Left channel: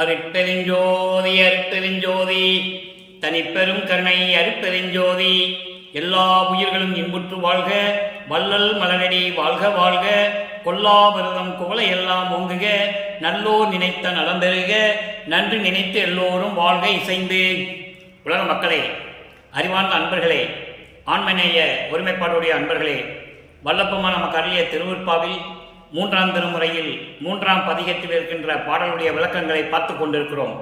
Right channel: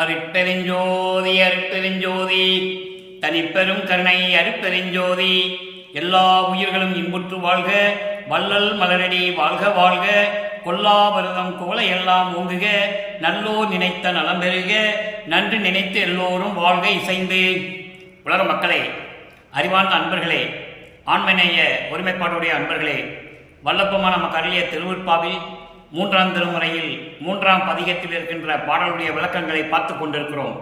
அருட்பெருஞ்சோதி அருட்பெருஞ்சோதி தனிப்பெரும் கருணை அருட்பெருஞ்சோதி. எல்லா உயிர்களும் இன்புற்று வாழ்க, வள்ளல் மலரடி வாழ்க வாழ்க, கொல்லாபரதம் குவளை எல்லாம் ஓங்குக, நல்லோர் நினைத்த நலம் பெறுக, நன்று நினைத்து எல்லோரும் வாழ்க இசைந்து. உலக மக்களே, அறிவார்ந்த அன்பர்களே, ஆண்மநேய ஒருமைப்பாடுடைய அன்பர்களே, வல்லப்பமான நமக்கு அருளிய திருவிற்பாவில் 3ஆம் திருமுறையில் 3ஆம் பதிகத்தில் இருக்கின்ற பாடலுடைய விளக்கங்களை பார்த்து கொண்டிருக்கிறோம்.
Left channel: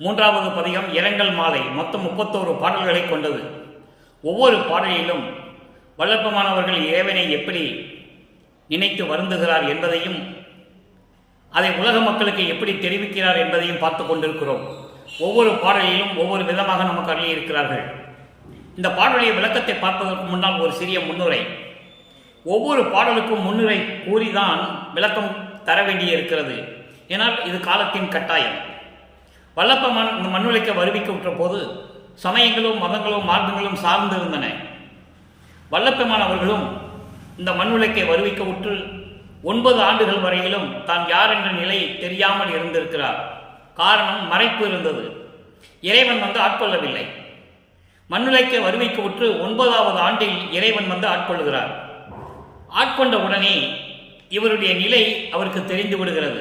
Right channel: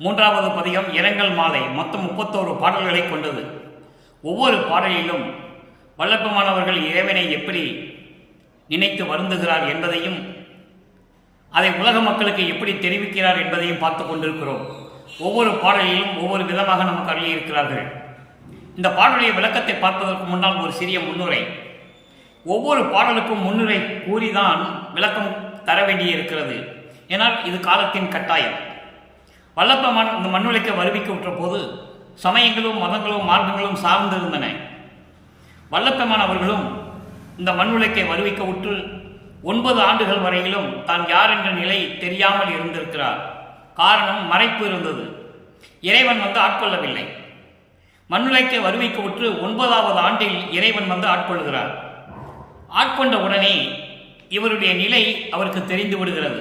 3வது பதிகம் இரங்கல் மாலை மொத்தம் 31 பாடல்களை கொண்டது. ஒவ்வொரு பாடலிலும் வல்லப்பமானவர்கள் இறைவனை எப்படி நினைத்து வருந்துகிறார் என்பதையும் அதை உலக மக்களுக்கு எப்படி தெரிவிக்கிறார் என்பதையும் பார்த்து கொண்டிருக்கிறோம். ஒவ்வொரு பாடலிலும் ஒவ்வொரு விதமாக நமக்கு அருளியிருக்கிறார்கள். இந்த பாடலுடைய விளக்கத்தை பார்ப்பதற்கு முன்னால் ஒரு சிறிய முன்னுரை. ஒவ்வொரு பாடலுக்கும் முன்னுரை கூறிதான் விளக்கம் தர வேண்டியிருக்கிறது. ஏனால் இது காலத்தின் கட்டாயம். வல்லப்பமான இந்த மண்ணுலைக்கு வருவிக்க விட்ட போது சமயங்களும் மதங்களும் மார்க்கங்களும் சார்ந்திருந்தன. வல்லப்பமானவர்களும் இந்த மண்ணுலைக்கை வருவிக்க விட்டு 9 ஆண்டுகள் வரையிலும் தான் யார் என்ற நிலை தெரியாமல் இருந்திருக்கிறார். காரணம், மறைப்பு இருந்தது. இறைவன் ஆட்கொள்ளவில்லை. மண்ணுலைக்கை வருவிக்க விட்டு 9வது ஆண்டில் இறைவன் ஆட்கொள்கிறார். ஆட்கொண்ட உடனே இவருடைய நிலை அவருக்கு தெரிந்து விடுகிறது.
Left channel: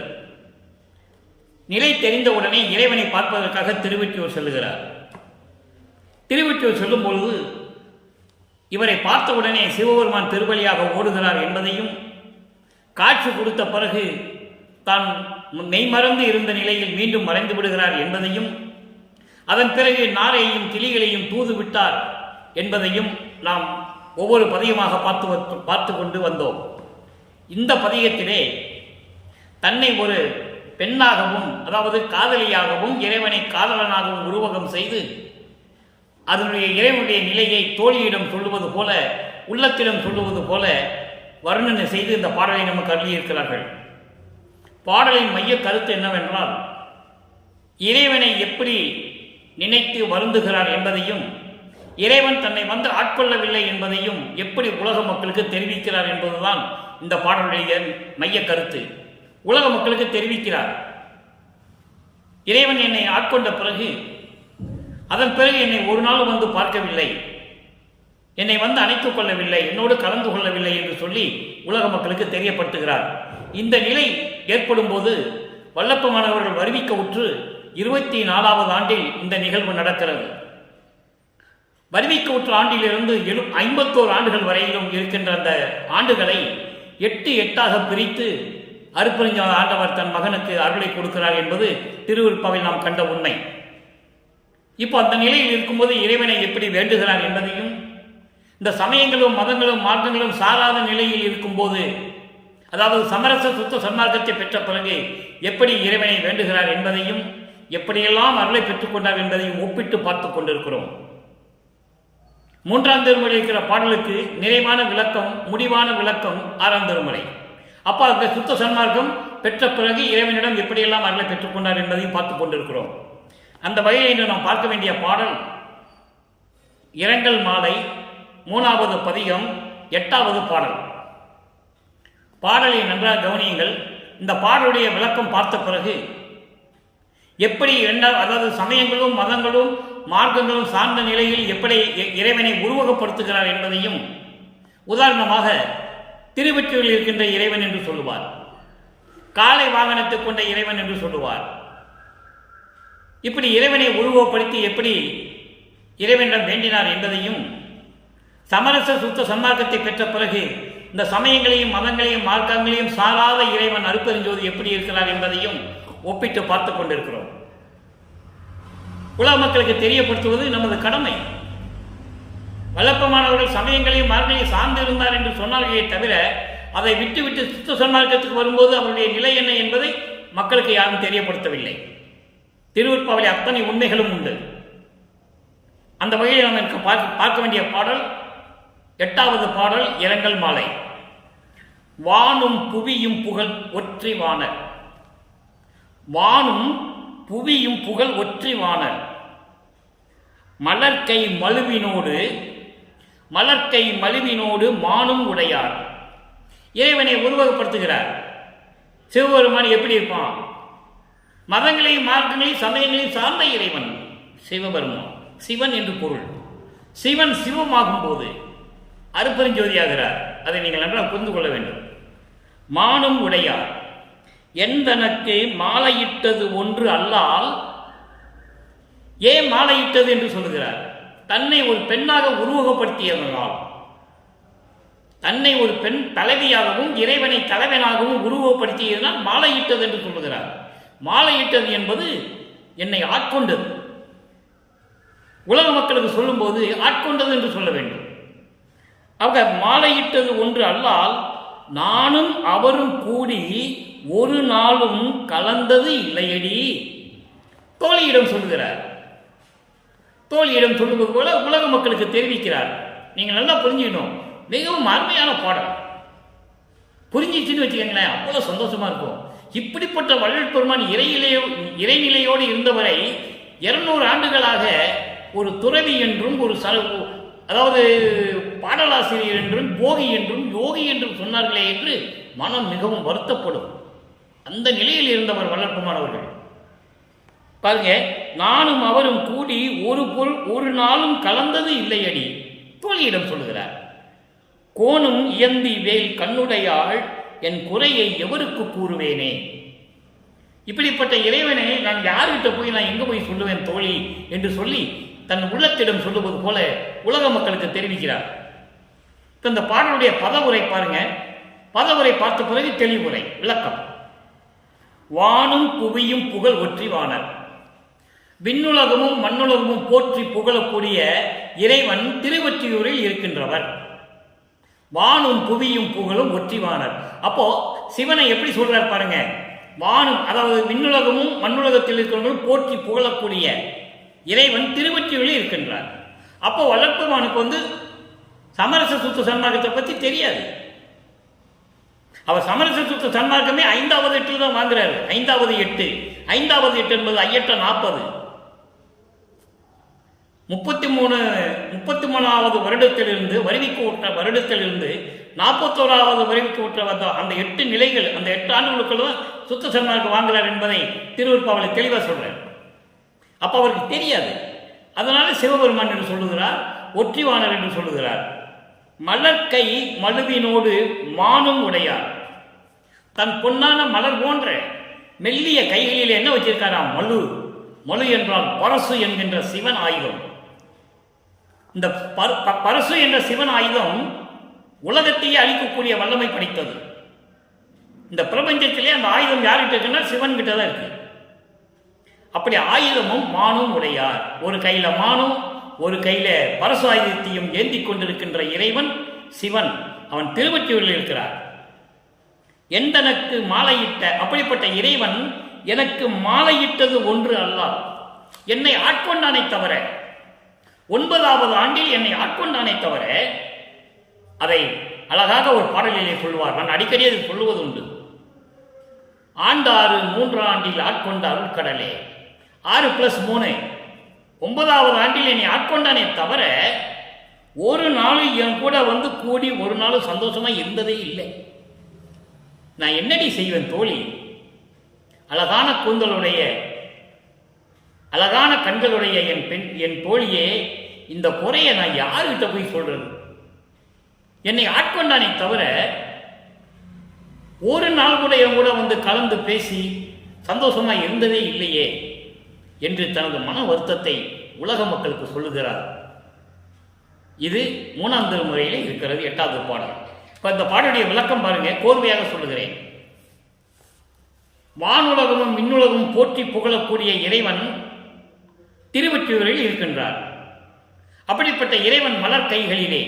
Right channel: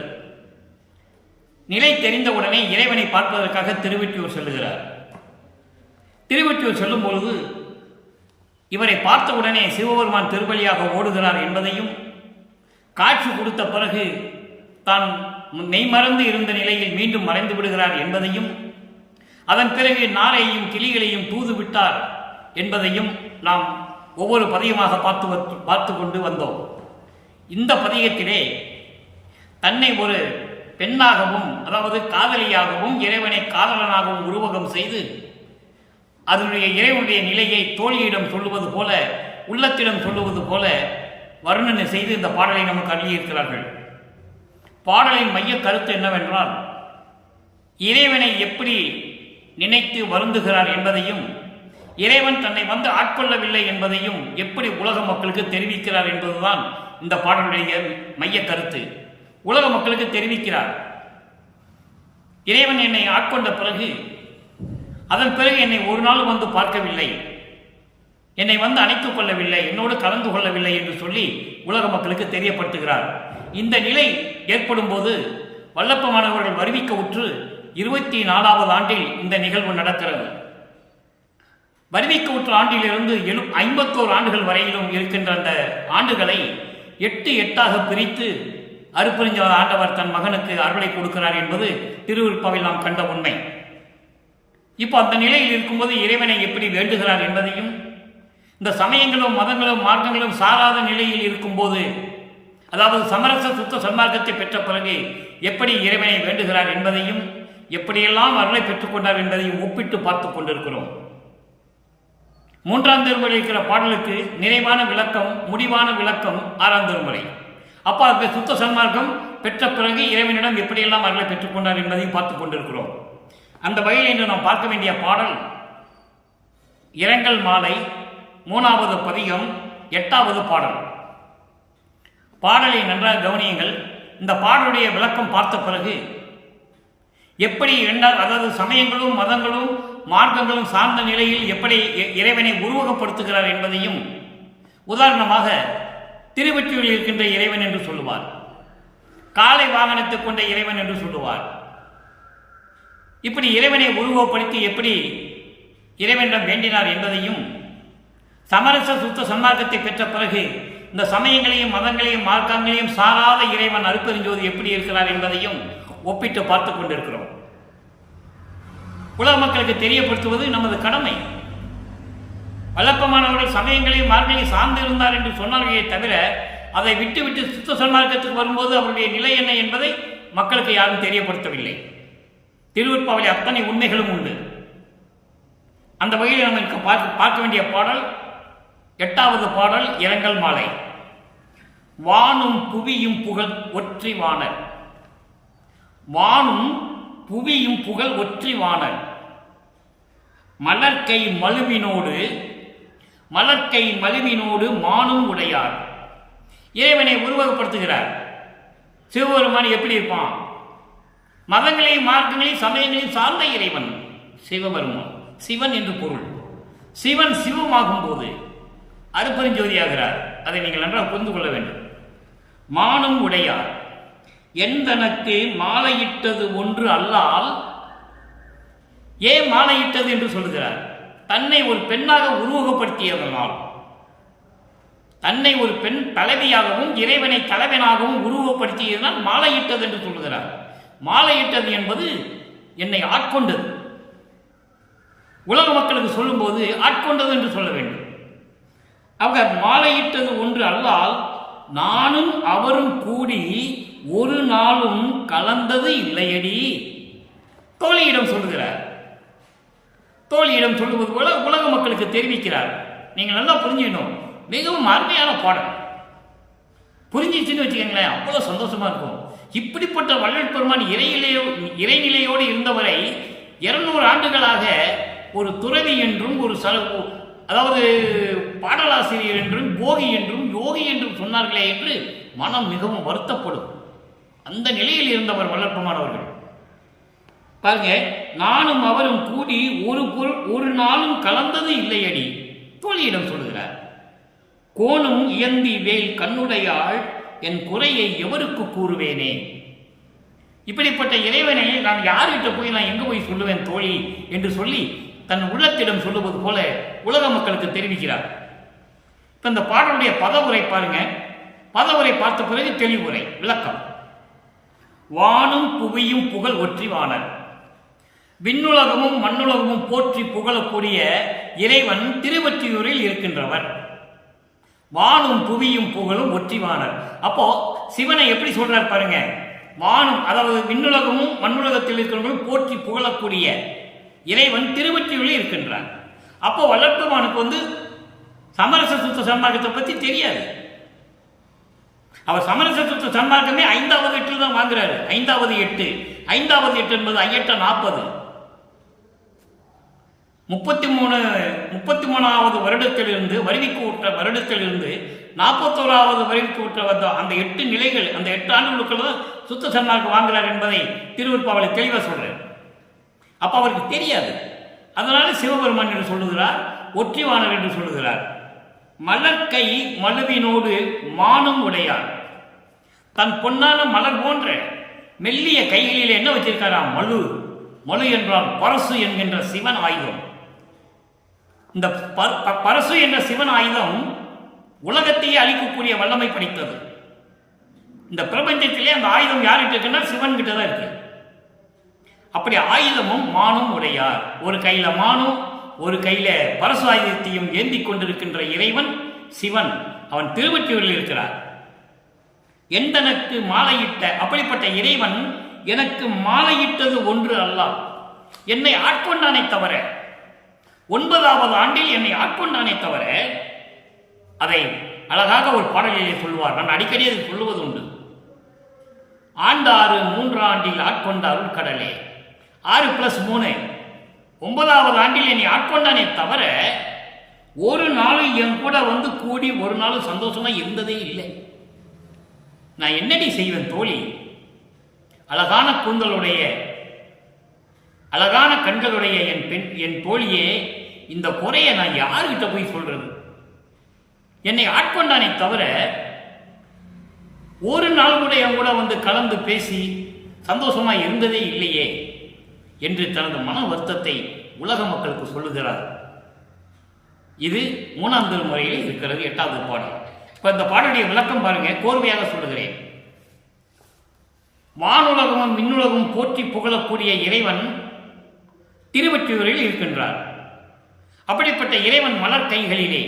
நிலை தெரிந்தவுடனே இறைவனை பார்ப்பதற்காக திருவெற்றியூர் செல்லுகிறார். திருவெற்றியூர் செல்லும் பொழுது இவரை பார்த்தவுடனே சிவபெருமான் திருவழியாக ஓடுகிறார் என்பதையும், காட்சி கொடுத்த பிறகு தான் மெய்மறந்து இருந்த நிலையில் மீண்டும் மறைந்து விடுகிறார் என்பதையும், அதன் பிறகு நாரையையும் கிளிகளையும் தூது விட்டார் என்பதையும் நாம் ஒவ்வொரு பதிகமாக பார்த்து கொண்டு வந்தோம். இந்த பதிகத்திலே தன்னை ஒரு பெண்ணாகவும், அதாவது காதலியாகவும், இறைவனை காதலனாகவும் உருவகம் செய்து அதனுடைய இறைவனுடைய நிலையை தோழியிடம் சொல்லுவது போல, உள்ளத்திடம் சொல்லுவது போல வர்ணனை செய்து இந்த பாடலை நமக்கு அருளியிருக்கிறார்கள். பாடலின் மைய கருத்து என்னவென்றால், இறைவனை எப்படி நினைத்து வருந்துகிறார் என்பதையும், இறைவன் தன்னை ஆட்கொள்ளவில்லை என்பதையும் எப்படி உலக மக்களுக்கு தெரிவிக்கிறார் என்பதுதான் இந்த பாடலுடைய மைய கருத்து. உலக மக்களுக்கு தெரிவிக்கிறார், இறைவன் என்னை ஆட்கொண்ட பிறகு, அதன் பிறகு என்னை ஒரு நாள் பார்க்கவில்லை, என்னை அணைத்துக் கொள்ளவில்லை, என்னோடு கலந்து கொள்ளவில்லை என்று சொல்லி உலக மக்களுக்கு தெரியப்படுத்துகிறார். இந்த நிலை ஏற்படும் போது வல்லப்பமானவர்கள் வருவிக்க உற்று 24வது ஆண்டில் இந்த நிகழ்வு நடக்கிறது. வருவிக்க உற்ற ஆண்டிலிருந்து 51 ஆண்டுகள் வரையிலும் இருக்கின்ற அந்த ஆண்டுகளை 8 பிரித்து அருட்பெருஞ்சோதி ஆண்டவர் தன் மகனுக்கு அருளை கொடுக்கிறார் என்பது திருவிற்பாவில் நாம் கண்ட உண்மை. இப்போ அந்த நிலையில் இருக்கும்போது இறைவனை எப்படி வேண்டுகிறார் என்பதையும், இந்த சமயங்களும் மதங்களும் மார்க்கங்களும் சாராத நிலையில் இருக்கும்போது, அதாவது சமரச சுத்த சன்மார்க்கத்தை பெற்ற பிறகு எப்படி இறைவனை வேண்டுகிறார் என்பதையும், எப்படியெல்லாம் அருளை பெற்றுக்கொண்டார் என்பதையும் ஒப்பிட்டு பார்த்து கொண்டிருக்கிறோம். 3ஆம் திருமுறை இருக்கிற பாடலுக்கு நிறைவான விளக்கம், முடிவான விளக்கம் 6ஆம் திருமுறை. அப்போ அந்த சுத்த சன்மார்க்கம் பெற்ற பிறகு இறைவனிடம் எப்படியெல்லாம் அருளை பெற்றுக்கொண்டார் என்பதையும் பார்த்து கொண்டிருக்கிறோம். அந்த வகையில் இன்று நாம் பார்க்க வேண்டிய பாடல் இரங்கல் மாலை 3வது பதிகம் 8வது பாடல். பாடலை நன்றாக கவனியுங்கள். இந்த பாடலுடைய விளக்கம் பார்த்த பிறகு எப்படி அதாவது சமயங்களும் மதங்களும் மார்க்கங்களும் சார்ந்த நிலையில் எப்படி இறைவனை உருவகப்படுத்துகிறார் என்பதையும், உதாரணமாக திருவெற்றியூரில் இருக்கின்ற இறைவன் என்று சொல்லுவார், காளை வாகனத்தை கொண்ட இறைவன் என்று சொல்லுவார். இப்படி இறைவனை உருவப்படுத்தி எப்படி இறைவனிடம் வேண்டினார் என்பதையும், சமரச சுத்த சன்மார்க்கத்தை பெற்ற பிறகு இந்த சமயங்களையும் மதங்களையும் மார்க்கங்களையும் சாராத இறைவன் அருட்பெருஞ்சோதி எப்படி இருக்கிறார் என்பதையும் ஒப்பிட்டு பார்த்து கொண்டிருக்கிறோம். உலக மக்களுக்கு தெரியப்படுத்துவது நமது கடமை. வல்லப்பமானவர்கள் சமயங்களையும் மார்க்கங்களையும் சார்ந்து இருந்தார் என்று சொன்னார்களே தவிர, அதை விட்டுவிட்டு சுத்த சன்மார்க்கத்துக்கு வரும்போது அவருடைய நிலை என்ன என்பதை மக்களுக்கு யாரும் தெரியப்படுத்தவில்லை. திருவிற்பாவிலே அத்தனை உண்மைகளும் உண்டு. அந்த வகையில் நம்ம பார்க்க வேண்டிய பாடல் 8வது பாடல் இரங்கல் மாலை. வானும் புவியும் புகழ் ஒற்றி வானர். வானும் புவியும் புகழ் ஒற்றி வானர். மலர்க்கை மழுவினோடு மானும் உடையார். இறைவனை உருவகப்படுத்துகிறார். சிவபெருமான் எப்படி இருப்பான்? மதங்களையும் மார்க்கங்களையும் சமயங்களையும் சார்ந்த இறைவன் சிவபெருமான். சிவன் என்று பொருள். சிவன் சிவமாகும் போது அருப்பெருஞ்சோதியாகிறார். அதை நீங்கள் நன்றாக புரிந்து கொள்ள வேண்டும். மானும் உடையார் எந்தனக்கு மாலையிட்டது ஒன்று அல்லால். ஏன் மாலையிட்டது என்று சொல்லுகிறார்? தன்னை ஒரு பெண்ணாக உருவகப்படுத்தியதனால், தன்னை ஒரு பெண் தலைவியாகவும் இறைவனை தலைவனாகவும் உருவகப்படுத்தியதனால் மாலையிட்டது என்று சொல்லுகிறார். மாலையிட்டது என்பது என்னை ஆட்கொண்டது. உலக மக்களுக்கு சொல்லும்போது ஆட்கொண்டது என்று சொல்ல வேண்டும். அவங்க மாலையிட்டது ஒன்று அல்லால் நானும் அவரும் கூடி ஒரு நாளும் கலந்தது இல்லையடி. தோழியிடம் சொல்லுகிறார். தோழியிடம் சொல்லுவது போல உலக மக்களுக்கு தெரிவிக்கிறார். நீங்கள் நல்லா புரிஞ்சுக்கணும். மிகவும் அருமையான பாடம். புரிஞ்சிச்சுன்னு வச்சுக்கோங்களேன், அவ்வளோ சந்தோஷமா இருக்கும். இப்படிப்பட்ட வள்ளல் பெருமான் இறைநிலையோடு இருந்தவரை 200 ஆண்டுகளாக ஒரு துறவி என்றும் அதாவது பாடலாசிரியர் என்றும் போகி என்றும் யோகி என்றும் சொன்னார்களே என்று மனம் மிகவும் வருத்தப்படும். அந்த நிலையில் இருந்தவர் வள்ளல் பெருமான் அவர்கள். பாருங்க, நானும் அவரும் கூடி ஒரு நாளும் கலந்தது இல்லையடி. தோழியிடம் சொல்லுகிறார். கோணும் இயந்தி வேல் கண்ணுடையாள் என் குறையை எவருக்கு கூறுவேனே. இப்படிப்பட்ட இறைவனை நான் யார்கிட்ட போய் நான் எங்க போய் சொல்லுவேன் தோழி என்று சொல்லி தன் உள்ளத்திடம் சொல்லுவது போல உலக மக்களுக்கு தெரிவிக்கிறார். இப்ப இந்த பாடலுடைய பதவுரை பாருங்க. பதவுரை பார்த்த பிறகு தெளிவுரை விளக்கம். வானும் புவியும் புகழ் ஒற்றிவானர். விண்ணுலகமும் மண்ணுலகமும் போற்றி புகழக்கூடிய இறைவன் திருவொற்றியூரில் இருக்கின்றவர். வானும் புவியும் புகழும் ஒற்றிவானர். அப்போ சிவனை எப்படி சொல்றார் பாருங்க. வானும் அதாவது விண்ணுலகமும் மண்ணுலகத்தில் இருக்கிறவங்களும் போற்றி புகழக்கூடிய இறைவன் திருவொற்றியூரில் இருக்கின்றார். அப்போ வள்ளல் பெருமானுக்கு சமரச சுத்த சன்மார்க்கத்தை பற்றி தெரியாது. அவர் சமரச சுத்த சன்மார்க்கமே 5வது எட்டில் தான் வாங்குறாரு. 5வது எட்டு என்பது ஐயட்ட 40 33வது வருடத்திலிருந்து வருவிக்கு உற்ற வருடத்திலிருந்து 41வது வருவிக்கு உற்ற அந்த 8 நிலைகள், அந்த 8 ஆண்டுகளுக்குள்ள தான் சுத்த சன்மார்க்கம் வாங்குறார் என்பதை திருவிற்பாவலை தெளிவாக சொல்றார். அப்ப அவருக்கு தெரியாது. அதனால சிவபெருமான் என்று சொல்லுகிறார், ஒற்றிவானர் என்று சொல்லுகிறார். மலர்கை மழுவினோடு மானும் உடையார். தன் பொன்னான மலர் போன்ற மெல்லிய கைகளில் என்ன வச்சிருக்காராம்? மழு. மழு என்றால் பரசு என்கின்ற சிவன் ஆயுதம். இந்த பரசு என்ற சிவன் ஆயுதம் உலகத்தையே அழிக்கக்கூடிய வல்லமை படைத்தது. இந்த பிரபஞ்சத்திலே அந்த ஆயுதம் யார்கிட்ட இருக்குன்னா சிவன் கிட்ட தான் இருக்கு. அப்படி ஆயுதமும் மானும் உடையார். ஒரு கையில மானும் ஒரு கையில பரசு ஆயுதத்தையும் ஏந்தி கொண்டிருக்கின்ற இறைவன் சிவன். அவன் திருவொற்றியூரில் இருக்கிறார். எந்தனக்கு மாலையிட்ட அப்படிப்பட்ட இறைவன் எனக்கு மாலையிட்டது ஒன்று அல்லால். என்னை ஆட்கொண்டானை தவிர, 9வது ஆண்டில் என்னை ஆட்கொண்டானை தவிர, அதை அழகாக ஒரு பாடலிலே சொல்வார். நான் அடிக்கடி அது சொல்லுவது உண்டு. ஆண்டாறு 3 ஆண்டில் ஆட்கொண்ட அருள் கடலே. 6 + 3 9வது ஆண்டில் என்னை ஆட்கொண்டானே தவிர ஒரு நாள் என் கூட கூடி ஒரு நாள் சந்தோஷமா இருந்ததே இல்லை. நான் என்னடி செய்வேன் தோழி? அழகான கூந்தலுடைய அழகான கண்களுடைய என் தோழியே, இந்த குறையை நான் யாருக்கிட்ட போய் சொல்றது? என்னை ஆட்கொண்டானே தவிர ஒரு நாள் கூட என் கூட கலந்து பேசி சந்தோஷமா இருந்ததே இல்லையே என்று தனது மன வருத்தத்தை உலக மக்களுக்கு சொல்லுகிறார். இது 3ஆம் திருமுறையில் இருக்கிறது 8வது பாடல். இப்ப இந்த பாடலுடைய விளக்கம் பாருங்க, கோர்வையாக சொல்லுகிறேன். வானுலகமும் விண்ணுலகமும் போற்றி புகழக்கூடிய இறைவன் திருவொற்றியூரில் இருக்கின்றார். அப்படிப்பட்ட இறைவன் மலர் கைகளிலே,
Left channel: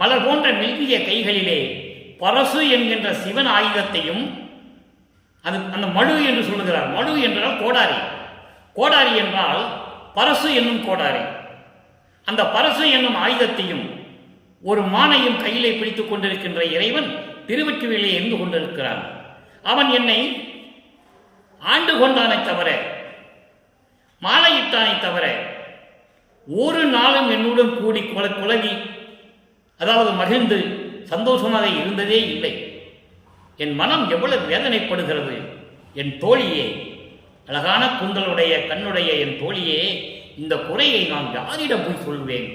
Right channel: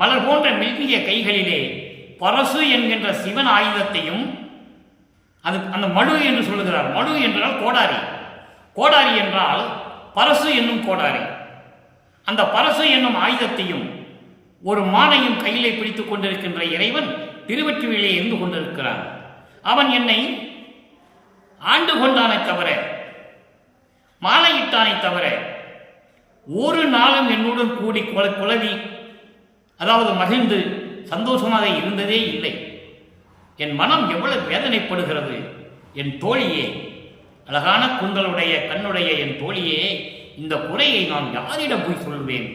மலர் போன்ற மெல்லிய கைகளிலே பரசு என்கின்ற சிவன் ஆயுதத்தையும், அந்த மழு என்று சொல்லுகிறார். மழு என்றால் கோடாரி. கோடாரி என்றால் பரசு என்னும் கோடாரி. அந்த பரசு என்னும் ஆயுதத்தையும் ஒரு மானையும் கையிலே பிடித்துக் கொண்டிருக்கின்ற இறைவன் திருவொற்றியூரிலே இருந்து கொண்டிருக்கிறான். அவன் என்னை ஆண்டு கொண்டானை தவிர, மாலையிட்டானை தவிர ஒரு நாளும் என்னுடன் கூடி குலவி, அதாவது மகிழ்ந்து சந்தோஷமாக இருந்ததே இல்லை. என் மனம் எவ்வளவு வேதனைப்படுகிறது என் தோழியே அழகான கூந்தலுடைய கண்ணுடைய என் தோழியே, இந்த குறையை நான் யாரிடம் போய் சொல்லுவேன்,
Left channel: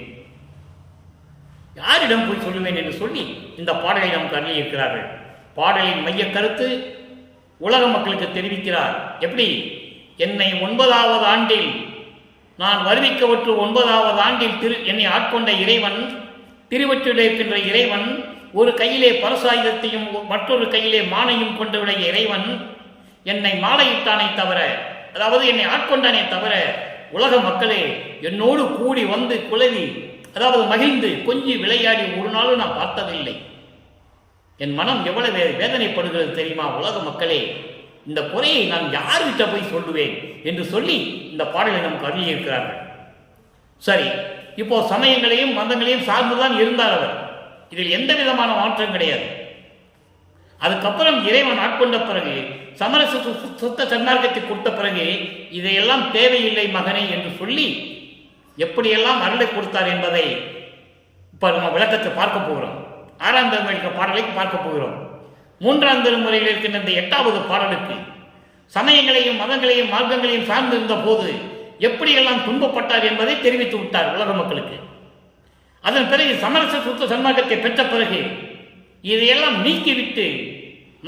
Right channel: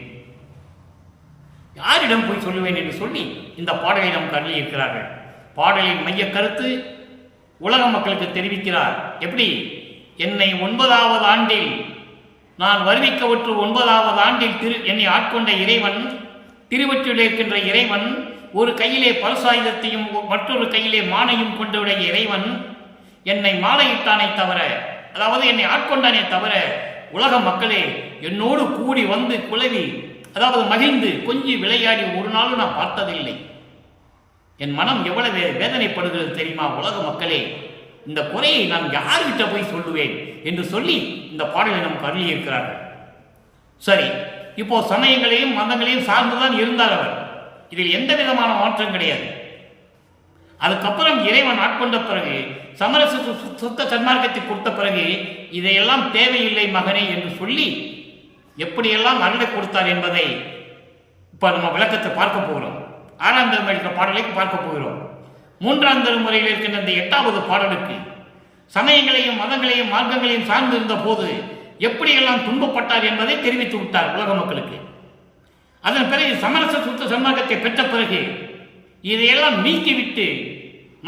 யாரிடம் போய் சொல்லுவேன் என்று சொல்லி இந்த பாடலை நாம் கருதியிருக்கிறார்கள். பாடலின் மைய கருத்து உலக மக்களுக்கு தெரிவிக்கிறார். எப்படி? என்னை 9வது ஆண்டில் நான் வருவிக்கவற்று 9வது ஆண்டில் என்னை ஆட்கொண்ட இறைவன், திருவற்றில் இருக்கின்ற இறைவன், ஒரு கையிலே பரசாயுதத்தையும் மற்றொரு கையிலே மானையும் கொண்டுடைய இறைவன் என்னை மாலையிட்டானே தவிர, அதாவது என்னை ஆட்கொண்டானே தவிர, உலக மக்களே என்னோடு கூடி வந்து குலவி, அதாவது மகிழ்ந்து கொஞ்சி விளையாடி ஒரு நாளும் நான் பார்த்ததில்லை. என் மனம் எவ்வளவு வேதனைப்படுகிறது தெரியுமா உலக மக்களே, இந்த குறையை நான் யார்கிட்ட போய் சொல்லுவேன் என்று சொல்லி இந்த பாடலை நமக்கு அருளியிருக்கிறார்கள். சரி, இப்போ சமயங்களையும் மதங்களையும் சார்ந்துதான் இருந்தார் அவர். இதில் எந்த விதமான மாற்றம் கிடையாது. அதுக்கப்புறம் இறைவன் ஆட்கொண்ட பிறகு, சமரச சுத்த சன்மார்க்கத்தை கொடுத்த பிறகு, இதையெல்லாம் தேவையில்லை மகனே என்று சொல்லி எப்படியெல்லாம் அருளை கொடுத்தார் என்பதை இப்ப நம்ம விளக்கத்தை பார்க்க போகிறோம். 6ஆம் திருமுறை பாடலை பார்க்க போகிறோம். 3ஆம் திருமுறையில் இருக்கின்ற இந்த 8வது பாடலுக்கு சமயங்களையும் மதங்களையும் மார்க்கங்களையும் சார்ந்திருந்த போது எப்படியெல்லாம் துன்பப்பட்டார் என்பதை தெரிவித்து விட்டார் உலக மக்களுக்கு. அதன் பிறகு சமரச சுத்த சன்மார்க்கத்தை பெற்ற பிறகு இதையெல்லாம் நீக்கிவிட்டு,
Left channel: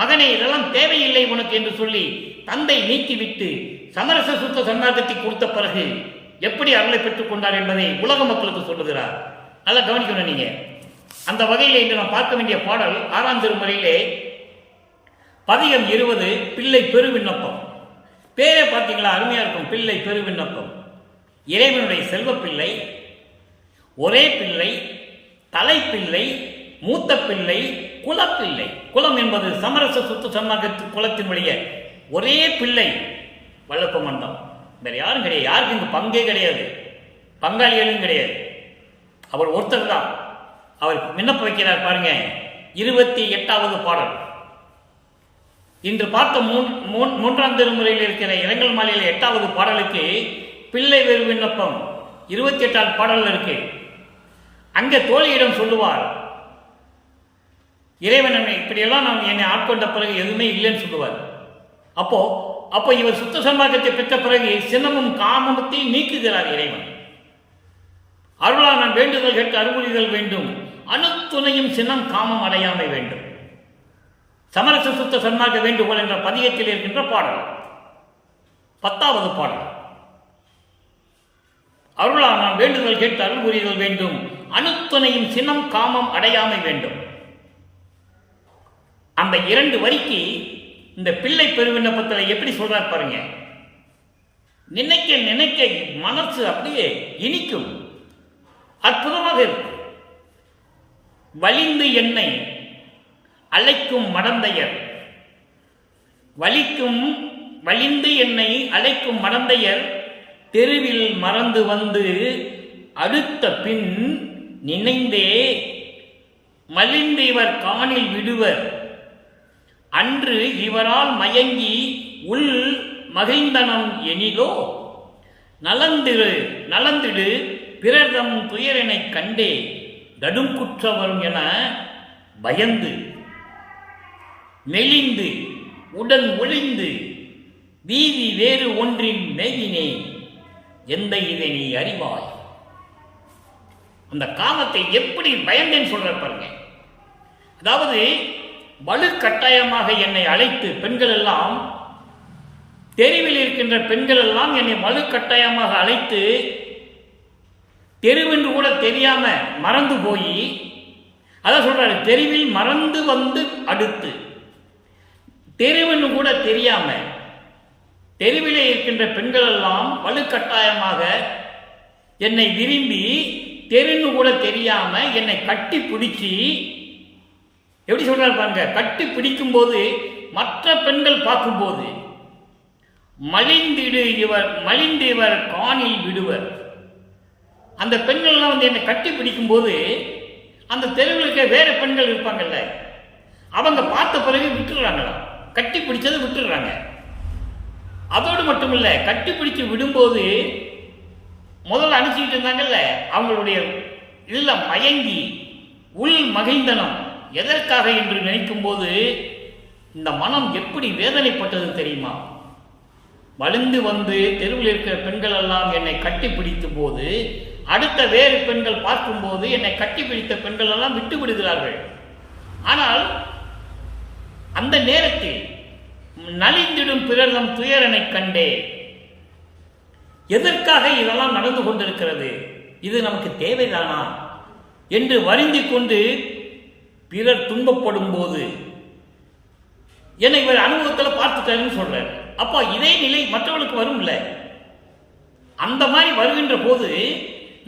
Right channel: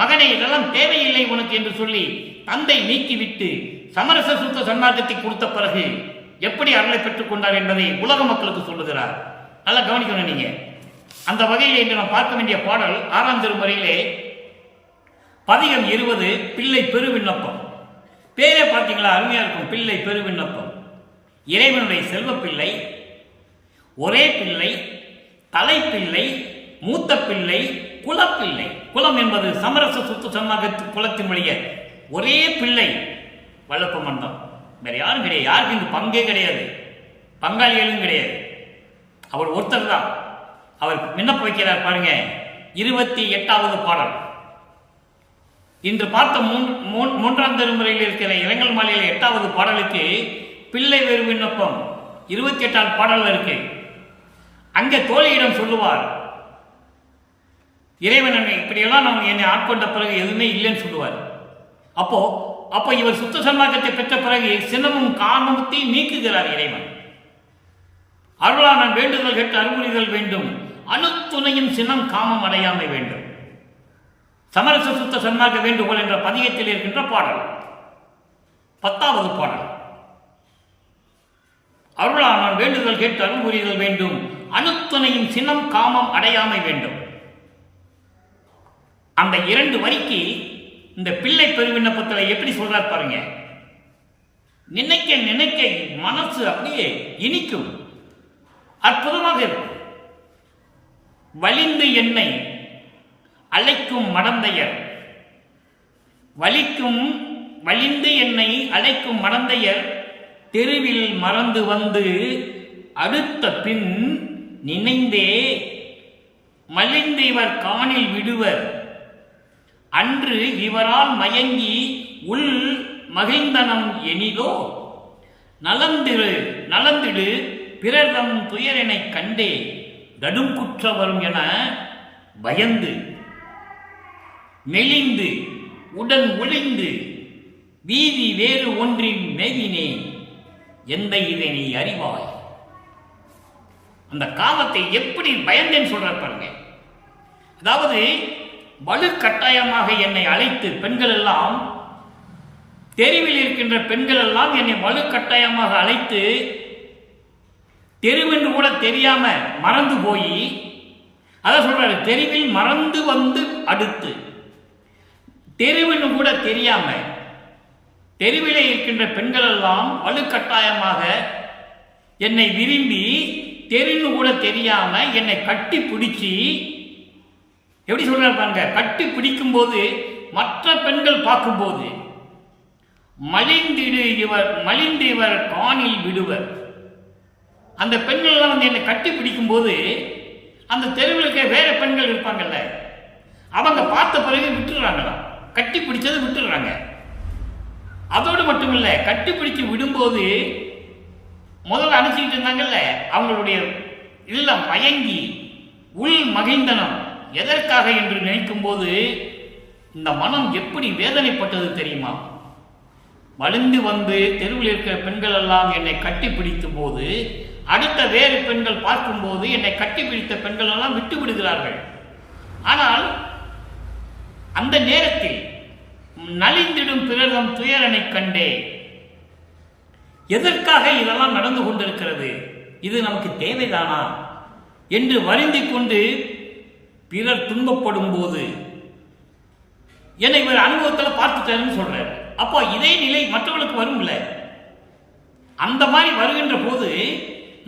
மகனே இதெல்லாம் தேவையில்லை உனக்கு என்று சொல்லி தந்தை நீக்கிவிட்டு சமரச சுத்த சன்மார்க்கத்தை கொடுத்த பிறகு எப்படி அருளை பெற்றுக் கொண்டார் என்பதை உலக மக்களுக்கு சொல்லுகிறார். நல்லா கவனிக்கணும் நீங்க. அந்த வகையில் இன்று நாம் பார்க்க வேண்டிய பாடல் 6ஆம் திருமுறையிலே பதிகம் 20 பிள்ளை பெரு விண்ணப்பம். பேரே பார்த்தீங்களா, அருமையா இருக்கும். பிள்ளை பெரு விண்ணப்பம். இறைவனுடைய செல்வ பிள்ளை, ஒரே பிள்ளை, தலைப்பிள்ளை, மூத்த பிள்ளை, குலப்பிள்ளை. குலம் என்பது சமரச சுத்த சன்மார்க்க குலத்தின் வழிய ஒரே பிள்ளை வளர்ப்பு மண்டம். வேற யாரும் கிடையாது. யாருக்கு இங்கு பங்கே கிடையாது, பங்காளிகளும் கிடையாது. அவர் ஒருத்தர் தான். அவர் விண்ணப்ப வைக்கிறார் பாருங்க. 28வது பாடல். இன்று பார்த்த 3ஆம் திருமுறையில் இருக்கிற இரங்கல் மாலையில் 8வது பாடலுக்கு பிள்ளை வேறு விண்ணப்பம் 28வது பாடல் இருக்கு. அங்கே தோழியிடம் சொல்லுவார், இறைவன் இப்படியெல்லாம் நான் என்னை ஆட்கொண்ட பிறகு எதுவுமே இல்லைன்னு சொல்லுவார். அப்போ இவர் சுத்த சன்மார்க்கத்தை பெற்ற பிறகு சினமும் காமத்தையும் நீக்குகிறார் இறைவன். அருளா நான் வேண்டுதல் கேட்டு அருள்புரிதல் வேண்டும், அணுத்துணையும் சினம் காமம் அடையாமை வேண்டும். சமரச சுத்த சன்மார்க்க வேண்டுகோள் என்ற பதிகத்தில் இருக்கின்ற பாடல் 10வது பாடல். அருளா நான் வேண்டுதல் கேட்டு அருள்புரிதல் வேண்டும், அணுத்துணையும் சினம் காமம் அடையாமை வேண்டும். அந்த 2 வரிக்கு இந்த பிள்ளை பெருவிண்ணப்பத்தில் எப்படி சொல்றார் பாருங்க. நினைக்க நினைக்க மனசு அப்படியே இனிக்கும், அற்புதமாக இருக்கும். வலிந்து என்னை அழைக்கும் மடந்தையர், வலிந்து என்னை அழைக்கும் மடந்தையர் தெருவில் மறந்து வந்து அடுத்த பின் நினைந்தே மலிந்து இவர் காணில் விடுவர், அன்று இவரால் மயங்கி உள் மகிழ்ந்தனம் எனிதோ, நலந்திடு பிறர்தம் துயரெனை கண்டே கடுங்குற்ற வரும் என பயந்து மெலிந்து உடன் ஒளிந்து வீதி வேறு ஒன்றின் மேகினே எந்த இதை நீ அறிவாய். அந்த காமத்தை எப்படி பயந்தேன்னு சொல்ற பாருங்க. அதாவது வலுக்கட்டாயமாக என்னை அழைத்து, பெண்கள் எல்லாம் தெருவில் இருக்கின்ற பெண்கள் எல்லாம் என்னை வலுக்கட்டாயமாக அழைத்து, தெருவென்று கூட தெரியாம மறந்து போய், அதான் சொல்றாரு, தெருவில் மறந்து வந்து அடுத்து, தெருவென்று கூட தெரியாம தெருவிலே இருக்கின்ற பெண்கள் எல்லாம் வலுக்கட்டாயமாக என்னை விரும்பி, தெருன்னு கூட தெரியாம என்னை கட்டி பிடிச்சி, எப்படி சொல்றாரு பாருங்க, கட்டி பிடிக்கும் போது மற்ற பெண்கள் பார்க்கும்போது மலிந்து இவர் காணில் விடுவர். அந்த பெண்கள் எல்லாம் வந்து என்னை கட்டி பிடிக்கும் போது அந்த தெருவில் இருக்க வேற பெண்கள் இருப்பாங்கல்ல, அவங்க பார்த்த பிறகு விட்டுடுறாங்களாம், கட்டி பிடிச்சதை விட்டுடுறாங்க. அதோடு மட்டுமில்ல, கட்டி பிடிச்சு விடும்போது முதல்ல அனுப்பிச்சிக்கிட்டு இருந்தாங்கல்ல, அவங்களுடைய இல்லம் மயங்கி உள் மகிழ்ந்தனம் எதற்காக என்று நினைக்கும் போது இந்த மனம் எப்படி வேதனைப்பட்டது தெரியுமா? வளர்ந்து வந்து தெருவில் இருக்கிற பெண்கள் எல்லாம் என்னை கட்டி பிடித்த போது, அடுத்த வேறு பெண்கள் பார்க்கும்போது என்னை கட்டி பிடித்த பெண்கள் எல்லாம் விட்டு விடுகிறார்கள். ஆனால் அந்த நேரத்தில் நலிந்திடும் பிறர்தம் துயரனை கண்டே. எதற்காக இதெல்லாம் நடந்து கொண்டிருக்கிறது, இது நமக்கு தேவைதானா என்று வருந்திக் கொண்டு பிறர் துன்பப்படும் போது என்னை இவர் அனுபவத்தில் பார்த்துட்டாருன்னு சொல்றாரு. அப்போ இதே நிலை மற்றவர்களுக்கு வரும் இல்லை. அந்த மாதிரி வருகின்ற போது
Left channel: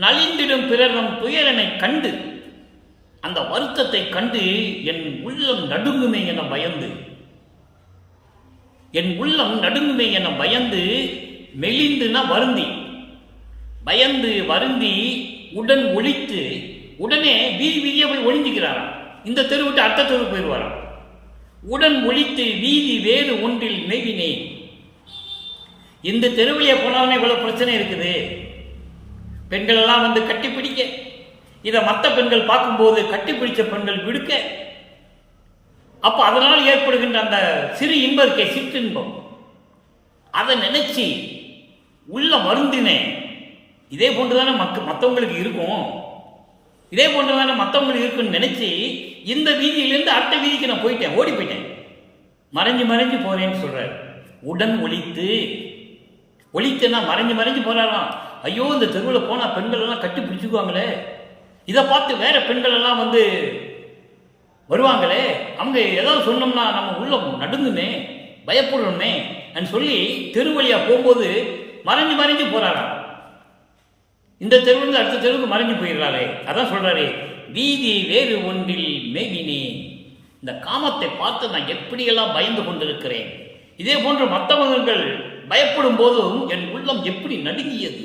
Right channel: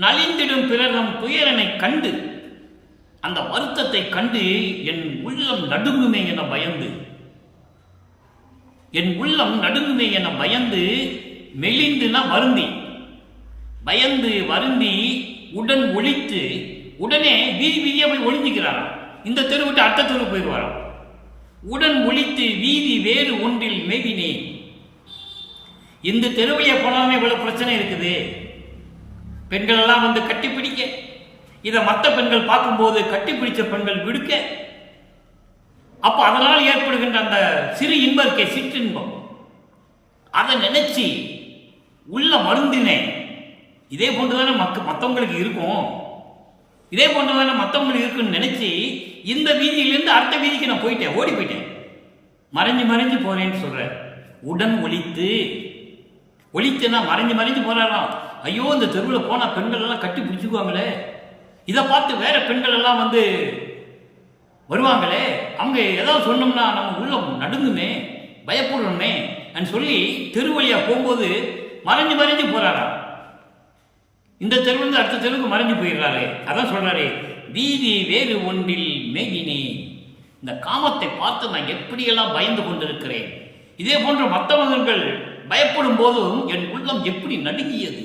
நலிந்திடும் பிறரும் துயரனை கண்டு, அந்த வருத்தத்தை கண்டு என் உள்ளம் நடுங்குமே என பயந்து, என் உள்ளம் நடுங்குமே என பயந்து, மெலிந்துனா வருந்தி, பயந்து வருந்தி உடன் ஒழித்து, உடனே வீதி வீதியா போய் ஒழிஞ்சுக்கிறாராம். இந்த தெரு விட்டு அடுத்த தெரு போயிடுவாராம். உடன் ஒழித்து வீதி வேறு ஒன்றில் மேவினேன். இந்த தெருவிலே போனாலுமே இவ்வளவு பிரச்சனை இருக்குது, பெண்கள் எல்லாம் வந்து கட்டிப்பிடிக்க, இதை மற்ற பெண்கள் பார்க்கும்போது கட்டிப்பிடிச்ச பெண்கள் விடுக்க, அப்ப அதனால் ஏற்படுகின்ற அந்த சிறு இன்பம் இருக்கே, சிற்றின்பம், அதை நினைச்சு உள்ள வருந்தினேன். இதே போன்றுதானே மற்றவங்களுக்கு இருக்கும், இதே போன்றுதானே மற்றவங்களுக்கு இருக்குன்னு நினைச்சு இந்த வீதியிலிருந்து அடுத்த வீதிக்கு நான் போயிட்டேன், ஓடி போயிட்டேன், மறைஞ்சு மறைஞ்சு போறேன்னு சொல்றாரு. உடன் ஒழித்து, ஒழித்துனா மறைஞ்சு மறைஞ்சு போறாராம். ஐயோ, இந்த தெருவில் போனா பெண்கள் எல்லாம் கட்டி பிடிச்சுக்குவாங்களே, இதை பார்த்து வேற பெண்கள் எல்லாம் வந்து வருவாங்களே, அவங்க ஏதாவது சொன்னோம்னா நம்ம உள்ளம் நடுங்குமே, பயப்படுறோமே சொல்லி தெருவழியா போகும்போது மறைஞ்சு மறைஞ்சு போறாராம். இந்த தெருவிலிருந்து அடுத்த தெருவுக்கு மறைஞ்சு போயிடுறாரு. அதான் சொல்றாரு, வீதி வேறு ஒன்றில் மேவினே. இந்த காமத்தை பார்த்து நான் எப்படியெல்லாம் பயந்து கொண்டிருக்கிறேன், இதே போன்று மற்றவர்கள் பயப்படும் போதும் என் உள்ளம் எப்படி நடுங்கியது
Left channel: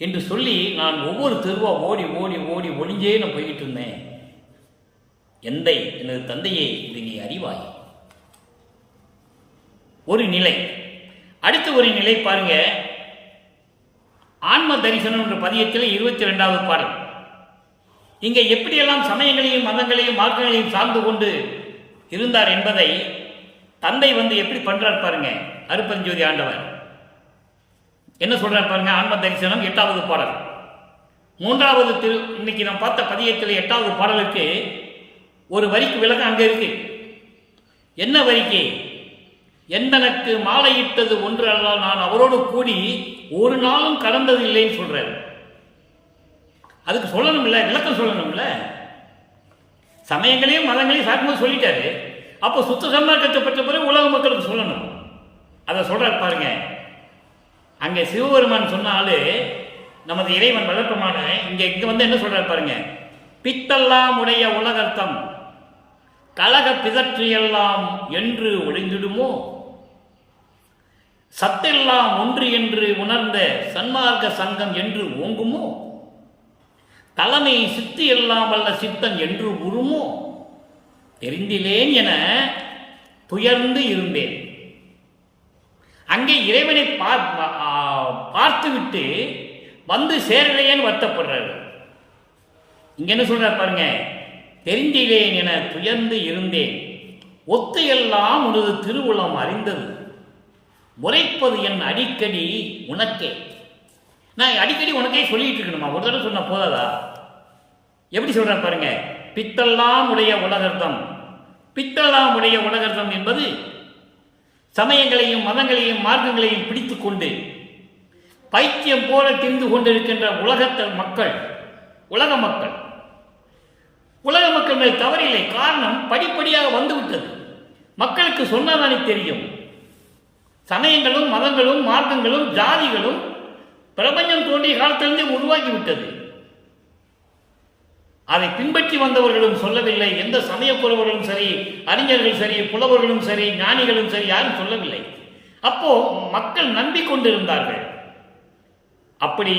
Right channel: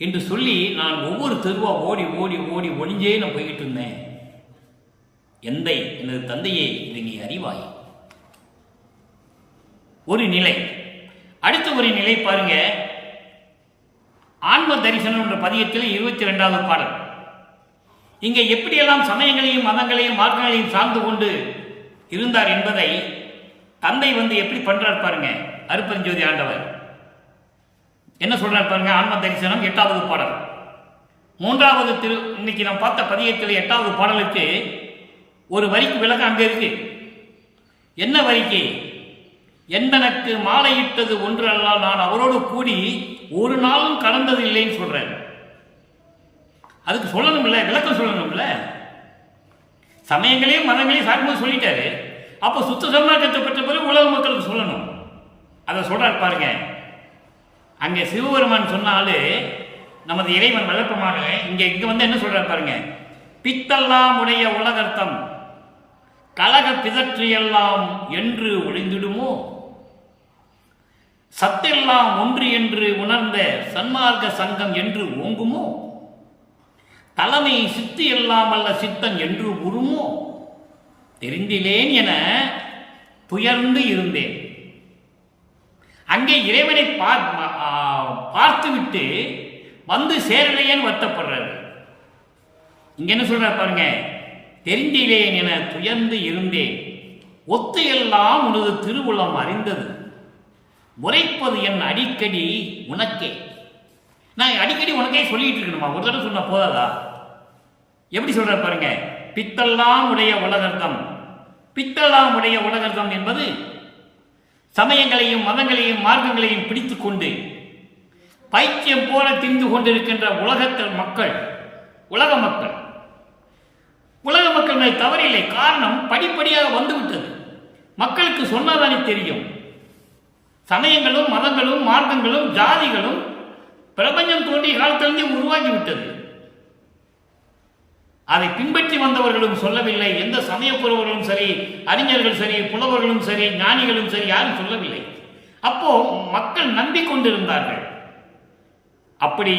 என்று சொல்லி நான் ஒவ்வொரு தெருவா ஓடி ஓடி ஓடி ஒளிஞ்சே நான் போய்கிட்டு இருந்தேன். எந்தை, எனது தந்தையே, இது நீ அறிவாய். ஒரு நிலை. அடுத்த ஒரு நிலை பாருங்க, ஆன்ம தரிசனம் என்ற பதியத்தில் 22வது பாடல். இங்கே எப்படியெல்லாம் சமயங்களையும் மதங்களையும் மார்க்கங்களையும் சார்ந்து கொண்டு இருந்தார் என்பதை தந்தை வந்து எப்படி பண்றார் பாருங்க. அருப்பெருஞ்சோதி ஆண்டவர் என்ன சொல்றார் பாருங்க. ஆன்ம தரிசனம் 8வது பாடல், 3வது இன்னைக்கு நாம் பார்த்த பதியத்தில் 8வது பாடலுக்கு ஒரு வரிக்கு விளக்கம் அங்க இருக்கு. என்ன வரிக்கு? என்பனக்கு மாலையிட்டது ஒன்று அல்ல, நான் அவரோடு கூடி ஒரு நாளும் கடந்தது இல்லைன்னு சொல்றாரு. அதுக்கு சொல்லணும்ல, விளக்கம் சொல்லணும்ல. சமயங்களையும் மதங்களையும் சாக்கும்போது சொல்லிட்டாரு, அப்போ சுத்த சன்மார்க்கத்தை பெற்ற பிறகு உலக மக்களுக்கு சொல்லணும். அதை சொல்றார் பாருங்க. அங்கே சிவபெருமான் சொன்னாலு நமது இறைவன் வளர்ப்பமான இங்க வந்து என்ன சொல்றார் பாருங்க. பித்தெல்லாம் உடைய உலகர்த்தம் கலக பிதற்றியெல்லாம் என்று ஒளிந்திடுமோ, சத்தெல்லாம் ஒன்று என்று உணர்ந்த சன்மார்க்க சங்கம் என்று ஓங்குமோ, தலைமை சித்து எல்லாம் அல்ல சித்தன் என்று உருமோ, தெரிந்திலேன் என துயர்ந்து இருந்தேன். அங்கே இறைவனை பார்த்துவிட்டு வந்து சேரலையேன்னு வருத்தப்படுறாரு. இங்க என்ன சொல்றார் பாருங்க. தெரிந்திலேன் என துயர்ந்து இருந்தேன், ஒத்து எல்லாம் உனது திருவுளம் அறிந்தது, முறைப்பது என் அடிக்கடி உனக்கே. நான் அடிக்கடி உனக்கே சொல்லிட்டு இருக்கணுமா? ஒரு தடவை சொன்ன போதாதா? எப்படி சொல்ற பாருங்க. பித்தெல்லாம் உடைய உலகர்த்தம். பித்தெல்லாம் உடைய உலகர்த்தம் என்பது சமயங்களையும் மதங்களையும் மார்க்கங்களையும் பிடித்து கொண்டு பைத்தியம் போல திரிந்து கொண்டிருக்கின்ற உலகத்தில் மக்கள், உலக மக்கள், உலக மக்கள் மேல் தவறில்லை. காரணம் படிப்படியாக வந்துவிட்டது. மக்களுக்கு சொன்னாதானே தெரியும். சமயங்களும் மதங்களும் மார்க்கங்களும் ஜாதிகளும் பிரபஞ்சம் தோன்றிய காலத்திலிருந்தே உருவாகிவிட்டது. அதை பின்பற்றி வந்தவர்களும் சொல்லவில்லை. எந்த சமயப்புறவர்களும் சரி, அறிஞர்கள் சரி, புலவர்களும் சரி, ஞானிகளும் சரி, யாரும் சொல்லவில்லை. அப்போ மக்கள் நம்பிக்கொண்டிருந்தார்கள். அப்படி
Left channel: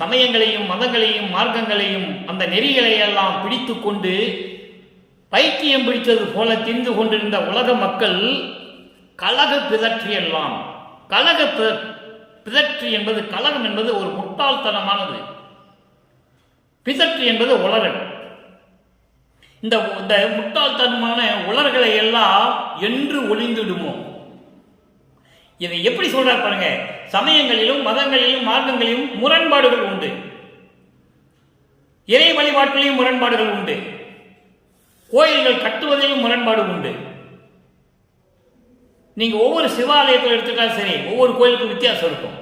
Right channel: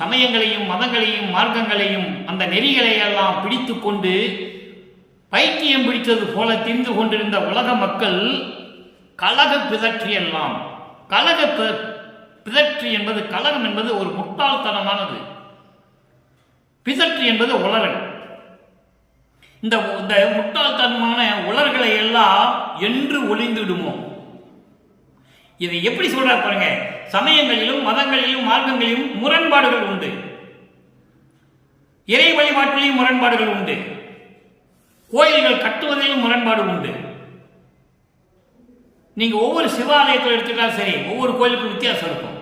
சமயங்களையும் மதங்களையும் மார்க்கங்களையும் அந்த நெறிகளை எல்லாம் பிடித்து கொண்டு பைத்தியம் பிடித்தது போல திரிந்து கொண்டிருந்த உலக மக்கள் கலக பிதற்றியெல்லாம். கலக பிதற்றி என்பது, கலகம் என்பது ஒரு முட்டாள்தனமானது. பிதற்றி என்பது உளறல். இந்த முட்டாள்தனமான உளர்களை எல்லாம் என்று ஒளிந்துடுமோ. இதை எப்படி சொல்றார் பாருங்க. சமயங்களிலும் மதங்களிலும் மார்க்கங்களிலும் முரண்பாடுகள் உண்டு, இறை வழிபாட்டிலையும் முரண்பாடுகள் உண்டு, கோயில்கள் கட்டுவதிலும் முரண்பாடு உண்டு. நீங்க ஒவ்வொரு சிவாலயத்தில் எடுத்துக்கிட்டாலும் சரி, ஒவ்வொரு கோயிலுக்கும் வித்தியாசம் இருக்கும்,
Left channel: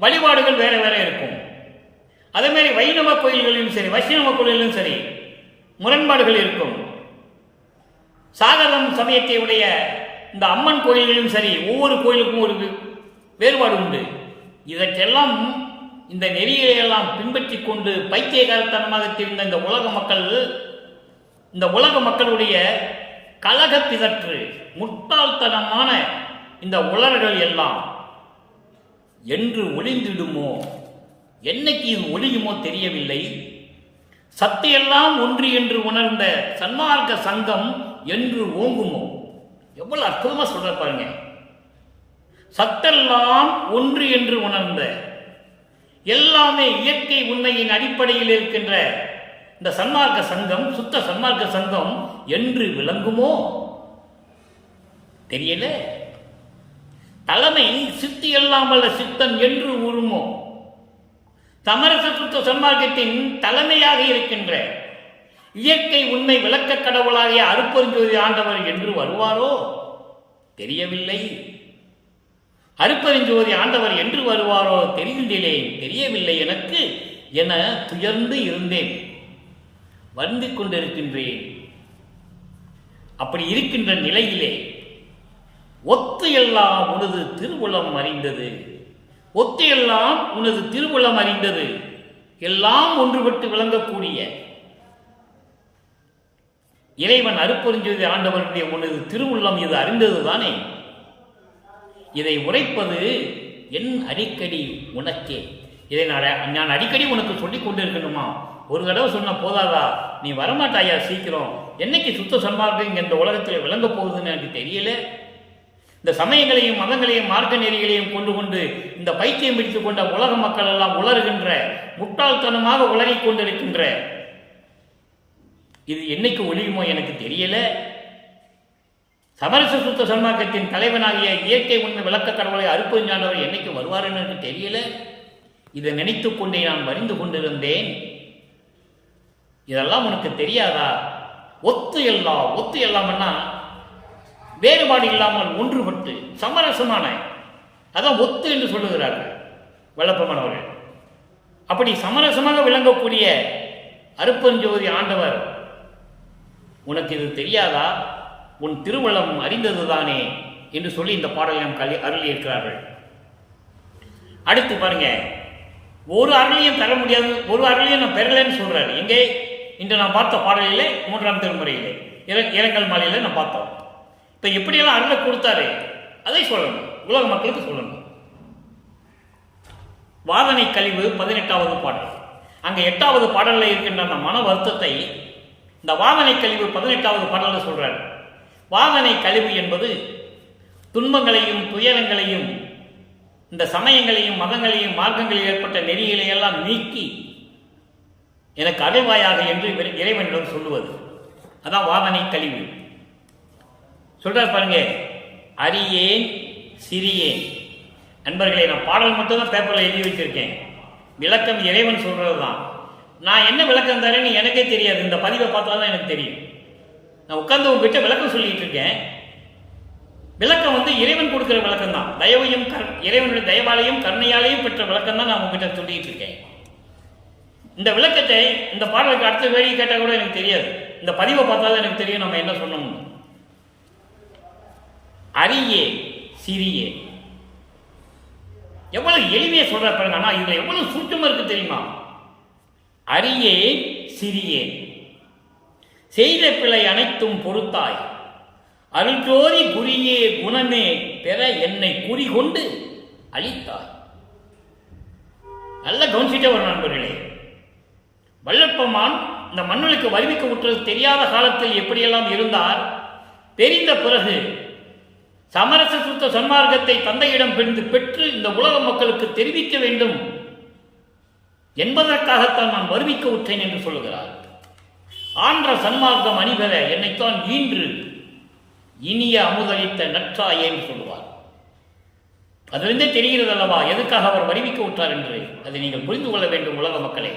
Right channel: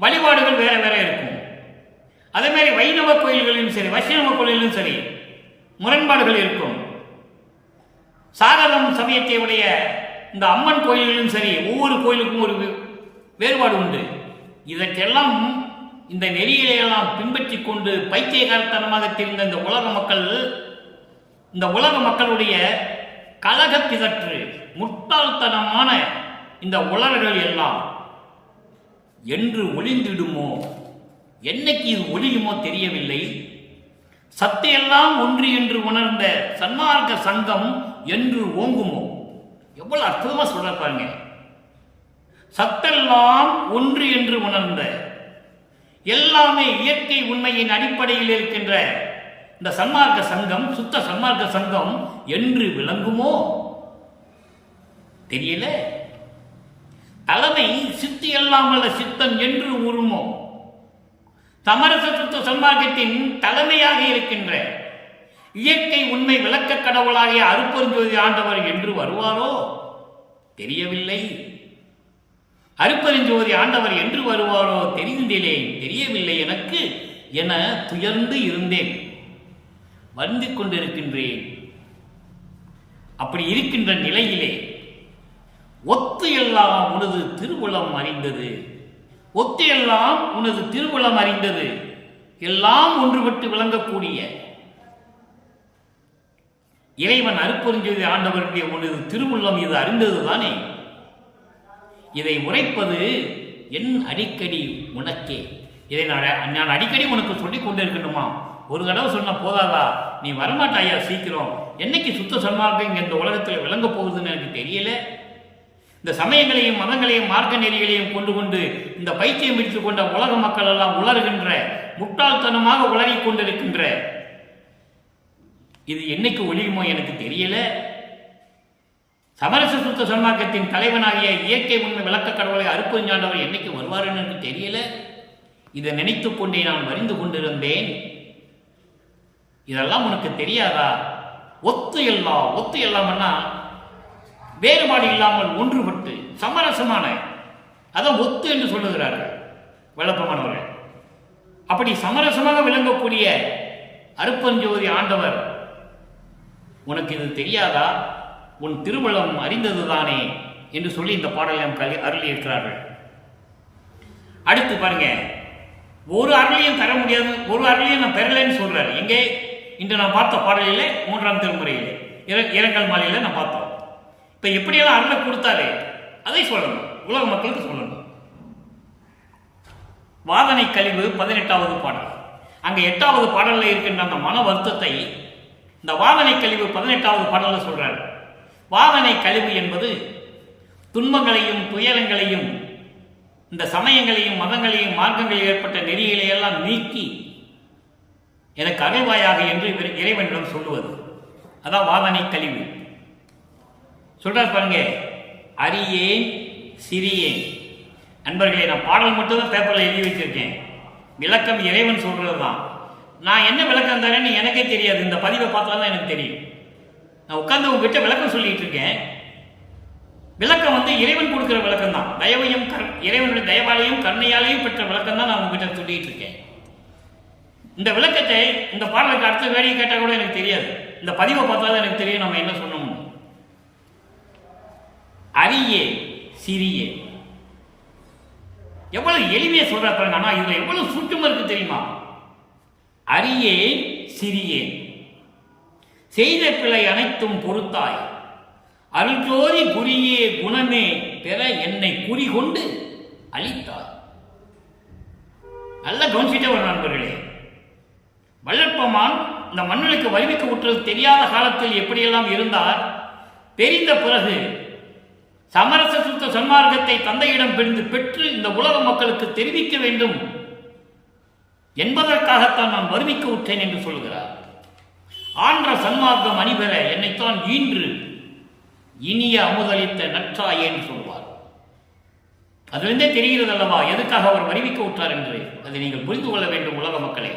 வழிபாடுகள் வேற வேற இருக்கும். அதே மாதிரி வைணவ கோயில்களிலும் சரி, வைஷ்ணவ கோயிலிலும் சரி முரண்பாடுகள் இருக்கும். சாகரம் சமயத்தை உடைய இந்த அம்மன் கோயில்களிலும் சரி, ஒவ்வொரு கோயிலுக்கும் ஒரு வேறுபாடு உண்டு. இதற்கெல்லாம் இந்த நெறியையெல்லாம் பின்பற்றி கொண்டு பைத்தியகாரத்தனமாக தெரிந்த இந்த உலக மக்களுடைய கலக பிதற்று முட்டாள்தனமான இந்த உலர்கள் எல்லாம் என்று ஒளிந்திடுமோ, என்னைக்கு இது ஒளியுமோ தெரியவில்லை. சத்தையெல்லாம் ஒன்று என்று உணர்ந்த சன்மார்க்க சங்கம் என்று ஓங்குமோ. எவ்வளவு அற்புதமா சொல்ற பாருங்க. சத்தெல்லாம் ஒன்று என்று உணர்ந்த, எல்லாமே இயற்கை உண்மையின் அடிப்படையில் இருக்கின்ற இந்த சன்மார்க்க சங்கம், சுத்த சன்மார்க்க சங்கம் என்று விளங்குமோ தெரியல. தலைமை சித்து இல்லாமல் சித்தன் என்று ஊறுமோ. சமரச சுத்த சன்மார்க்கத்தின் தலைமையாக இருக்கின்ற இயற்கை உண்மை விளக்க கடவுளாகிய அருட்பெருஞ்சோதி ஆண்டவர் என்று வருவாரோ தெரியவில்லை. அருட்பெருஞ்சோதி ஆண்டவர் என்று வருவாரோ தெரியவில்லை எனக்கு என துயர்ந்து இருந்தேன், வந்து கொண்டிருக்கின்றேன். அப்படி இருக்கின்ற நிலையிலே ஒத்து எல்லாம் உனது திருவுளம் அறிந்தது, ஒத்து எல்லாம் உனது திருவுளம் அறிந்தது, எல்லாம் ஒன்றுபட்டு விளங்கக்கூடிய இறைவன் அருட்பெருஞ்சோதி ஆண்டவருடைய உனது திருவுள்ளம் இது அறிந்ததுதானே. இதை உரைப்பது என் அடிக்கடி உனக்கே. இதை நான் அடிக்கடி உனக்கு சொல்லிக் கொண்டு இருக்கணுமா? ஒரு தடவை சொன்ன போதாதா? நீ வரமாட்டாயா சீக்கிரம்? என்னைக்கு சுத்த சன்மார்க்கம் இங்கே இந்த உலகத்தில் விளங்க போகுதுன்னு எனக்கு தெரியல. இந்த சமயங்களையும் மதங்களையும் மார்க்க நெறிகளையும் கொண்டு இந்த பைத்தியம் பிடித்துக் கொண்ட உலக மக்கள் எல்லாம் உளறுகின்ற, முட்டாள்தனமாக உளறிக் கொண்டிருக்கின்ற இது என்னைக்கு ஒழியுமோ எனக்கு தெரியல. சமரச சுத்த சன்மார்க்கத்தின் தலைவனாகிய இயற்கை உண்மை விளக்க கடவுளை அருட்பெருஞ்சாண்டவர் என்னைக்கு வருவாருன்னு எனக்கு தெரியல. இதை நினைத்துக் கொண்டே நான் வரிந்து கொண்டிருந்தேன். இதெல்லாம் உனக்கு தெரியாதா? ஒத்து எல்லாம்னா வேறுபாடு இல்லாமல் ஒன்றுபட்டு சமரசமான, அதான் ஒத்து என்று சொல்லுகிறார்கள் வல்லப்பமானவர்கள். அப்படி சமரசமாக விளங்கக்கூடிய அருட்பெருஞ்சோதி ஆண்டவர் உனக்கு இது தெரியாதா? உன் திருவுளம் அறிந்ததுதானே என்று சொல்லி இந்த பாடலை நாம் அருளி இருக்கிறார்கள். அடுத்து பாருங்க, ஒரு அருளையும் தர முடியாது, ஒரு அருளையும் நான் பெறலைன்னு சொல்றாரு. எங்கே? இன்று நான் பார்த்த பாடலிலே 3ஆம் திருமுறையிலே இரங்கல் மாலையில நான் பார்த்தோம். இப்ப எப்படியெல்லாம் அருளை கொடுத்தாரு அதை சொல்லணும், உலக மக்களுக்கு சொல்லணும். வாதனை கழிவு 18வது பாடல். அங்க 8வது பாடல்ல இருக்கின்ற அந்த மன வருத்தத்தை இந்த வாதனை கழிவு 18வது பாடல்ல சொல்றாரு. வாதனை கழிவு என்பது துன்பங்களையும் துயரங்களையும் இந்த சமயங்களையும் மதங்களையும் மார்க்கங்களில் ஏற்பட்ட நெறிகளையெல்லாம் நீக்கி எனக்கு அருள்வாயாக என்று இறைவனிடம் சொல்லுவது. அதான் வாதனை கழிவு. சொல்ற பாருங்க, அறியேன் சிறியேன். நண்பர்களே, நான் பாடல் மட்டும்தான் பேப்பரில் எழுதி வச்சிருக்கேன், விளக்கம் இறைவன் சொல்றது தான். நான் என்ன விளக்கம் தரேன்னு எனக்கே தெரியாது, இந்த பதிவை பார்த்தா தான் எனக்கு தெரியும். நான் உட்கார்ந்து உங்ககிட்ட விளக்கம் சொல்லிட்டு இருக்கேன். விளக்கம் இறைவன் கொடுக்கிற விளக்கம் தான். தயவையும் இறைவனுடைய தயவாலையும் கருணையாலையும் பெற்ற விளக்கம் தான் நான் உங்ககிட்ட சொல்லிட்டு இருக்கேன். இந்த விளக்கத்தை இந்த பாடலுக்கு அடுத்த வேடிக்கை கேட்டால் கூட எனக்கு தெரியாது, இந்த பதிவை பார்த்தாலும் எனக்கு தெரியும் நம்ம என்ன சொன்னோம். அரியே சிறியே, எவ்வளவு எளிமையா சொல்ற பாருங்க. ஆனா இதுல எவ்வளவு சூட்சமா இருக்கு தெரியுமா? அரியே சிறியே, செய்த பிழை அனைத்தும் பொறுத்தாய், அருள்ஜோதி குறியே குணமே பெற என்னை குறி கொண்டு அளித்தாய். நல்ல கவனிச்சிட்டே வரும் நண்பர்களே. வல்லற்பமான் இந்த மண்ணுக்கு வருவிக்க விட்டது தெரியாத காலத்தில் எப்படியெல்லாம் இருந்தார், தெரிந்த பிறகு சமரச சுத்த சன்மார்க்கத்தை தந்தையிடம் பெற்று இந்த உலக மக்களுக்கு தெரிவிக்க வேண்டும் என்பதற்காகத்தான் நான் வருவிக்க விட்டேன் என்று சொல்லுகிறார். ஆன்ற சன்மார்க்கம் அணிபெற என்னைத்தான் ஈன்று இனிய அமுதளித்த நற்றாயே என்று சொல்லுவார். அதிலிருந்தே தெரிகிறது அல்லவா எதுக்காக அவர் வருவிக்க விட்டார் என்று. அதை நீங்கள் புரிந்து கொள்ள வேண்டும் உலக மக்களே.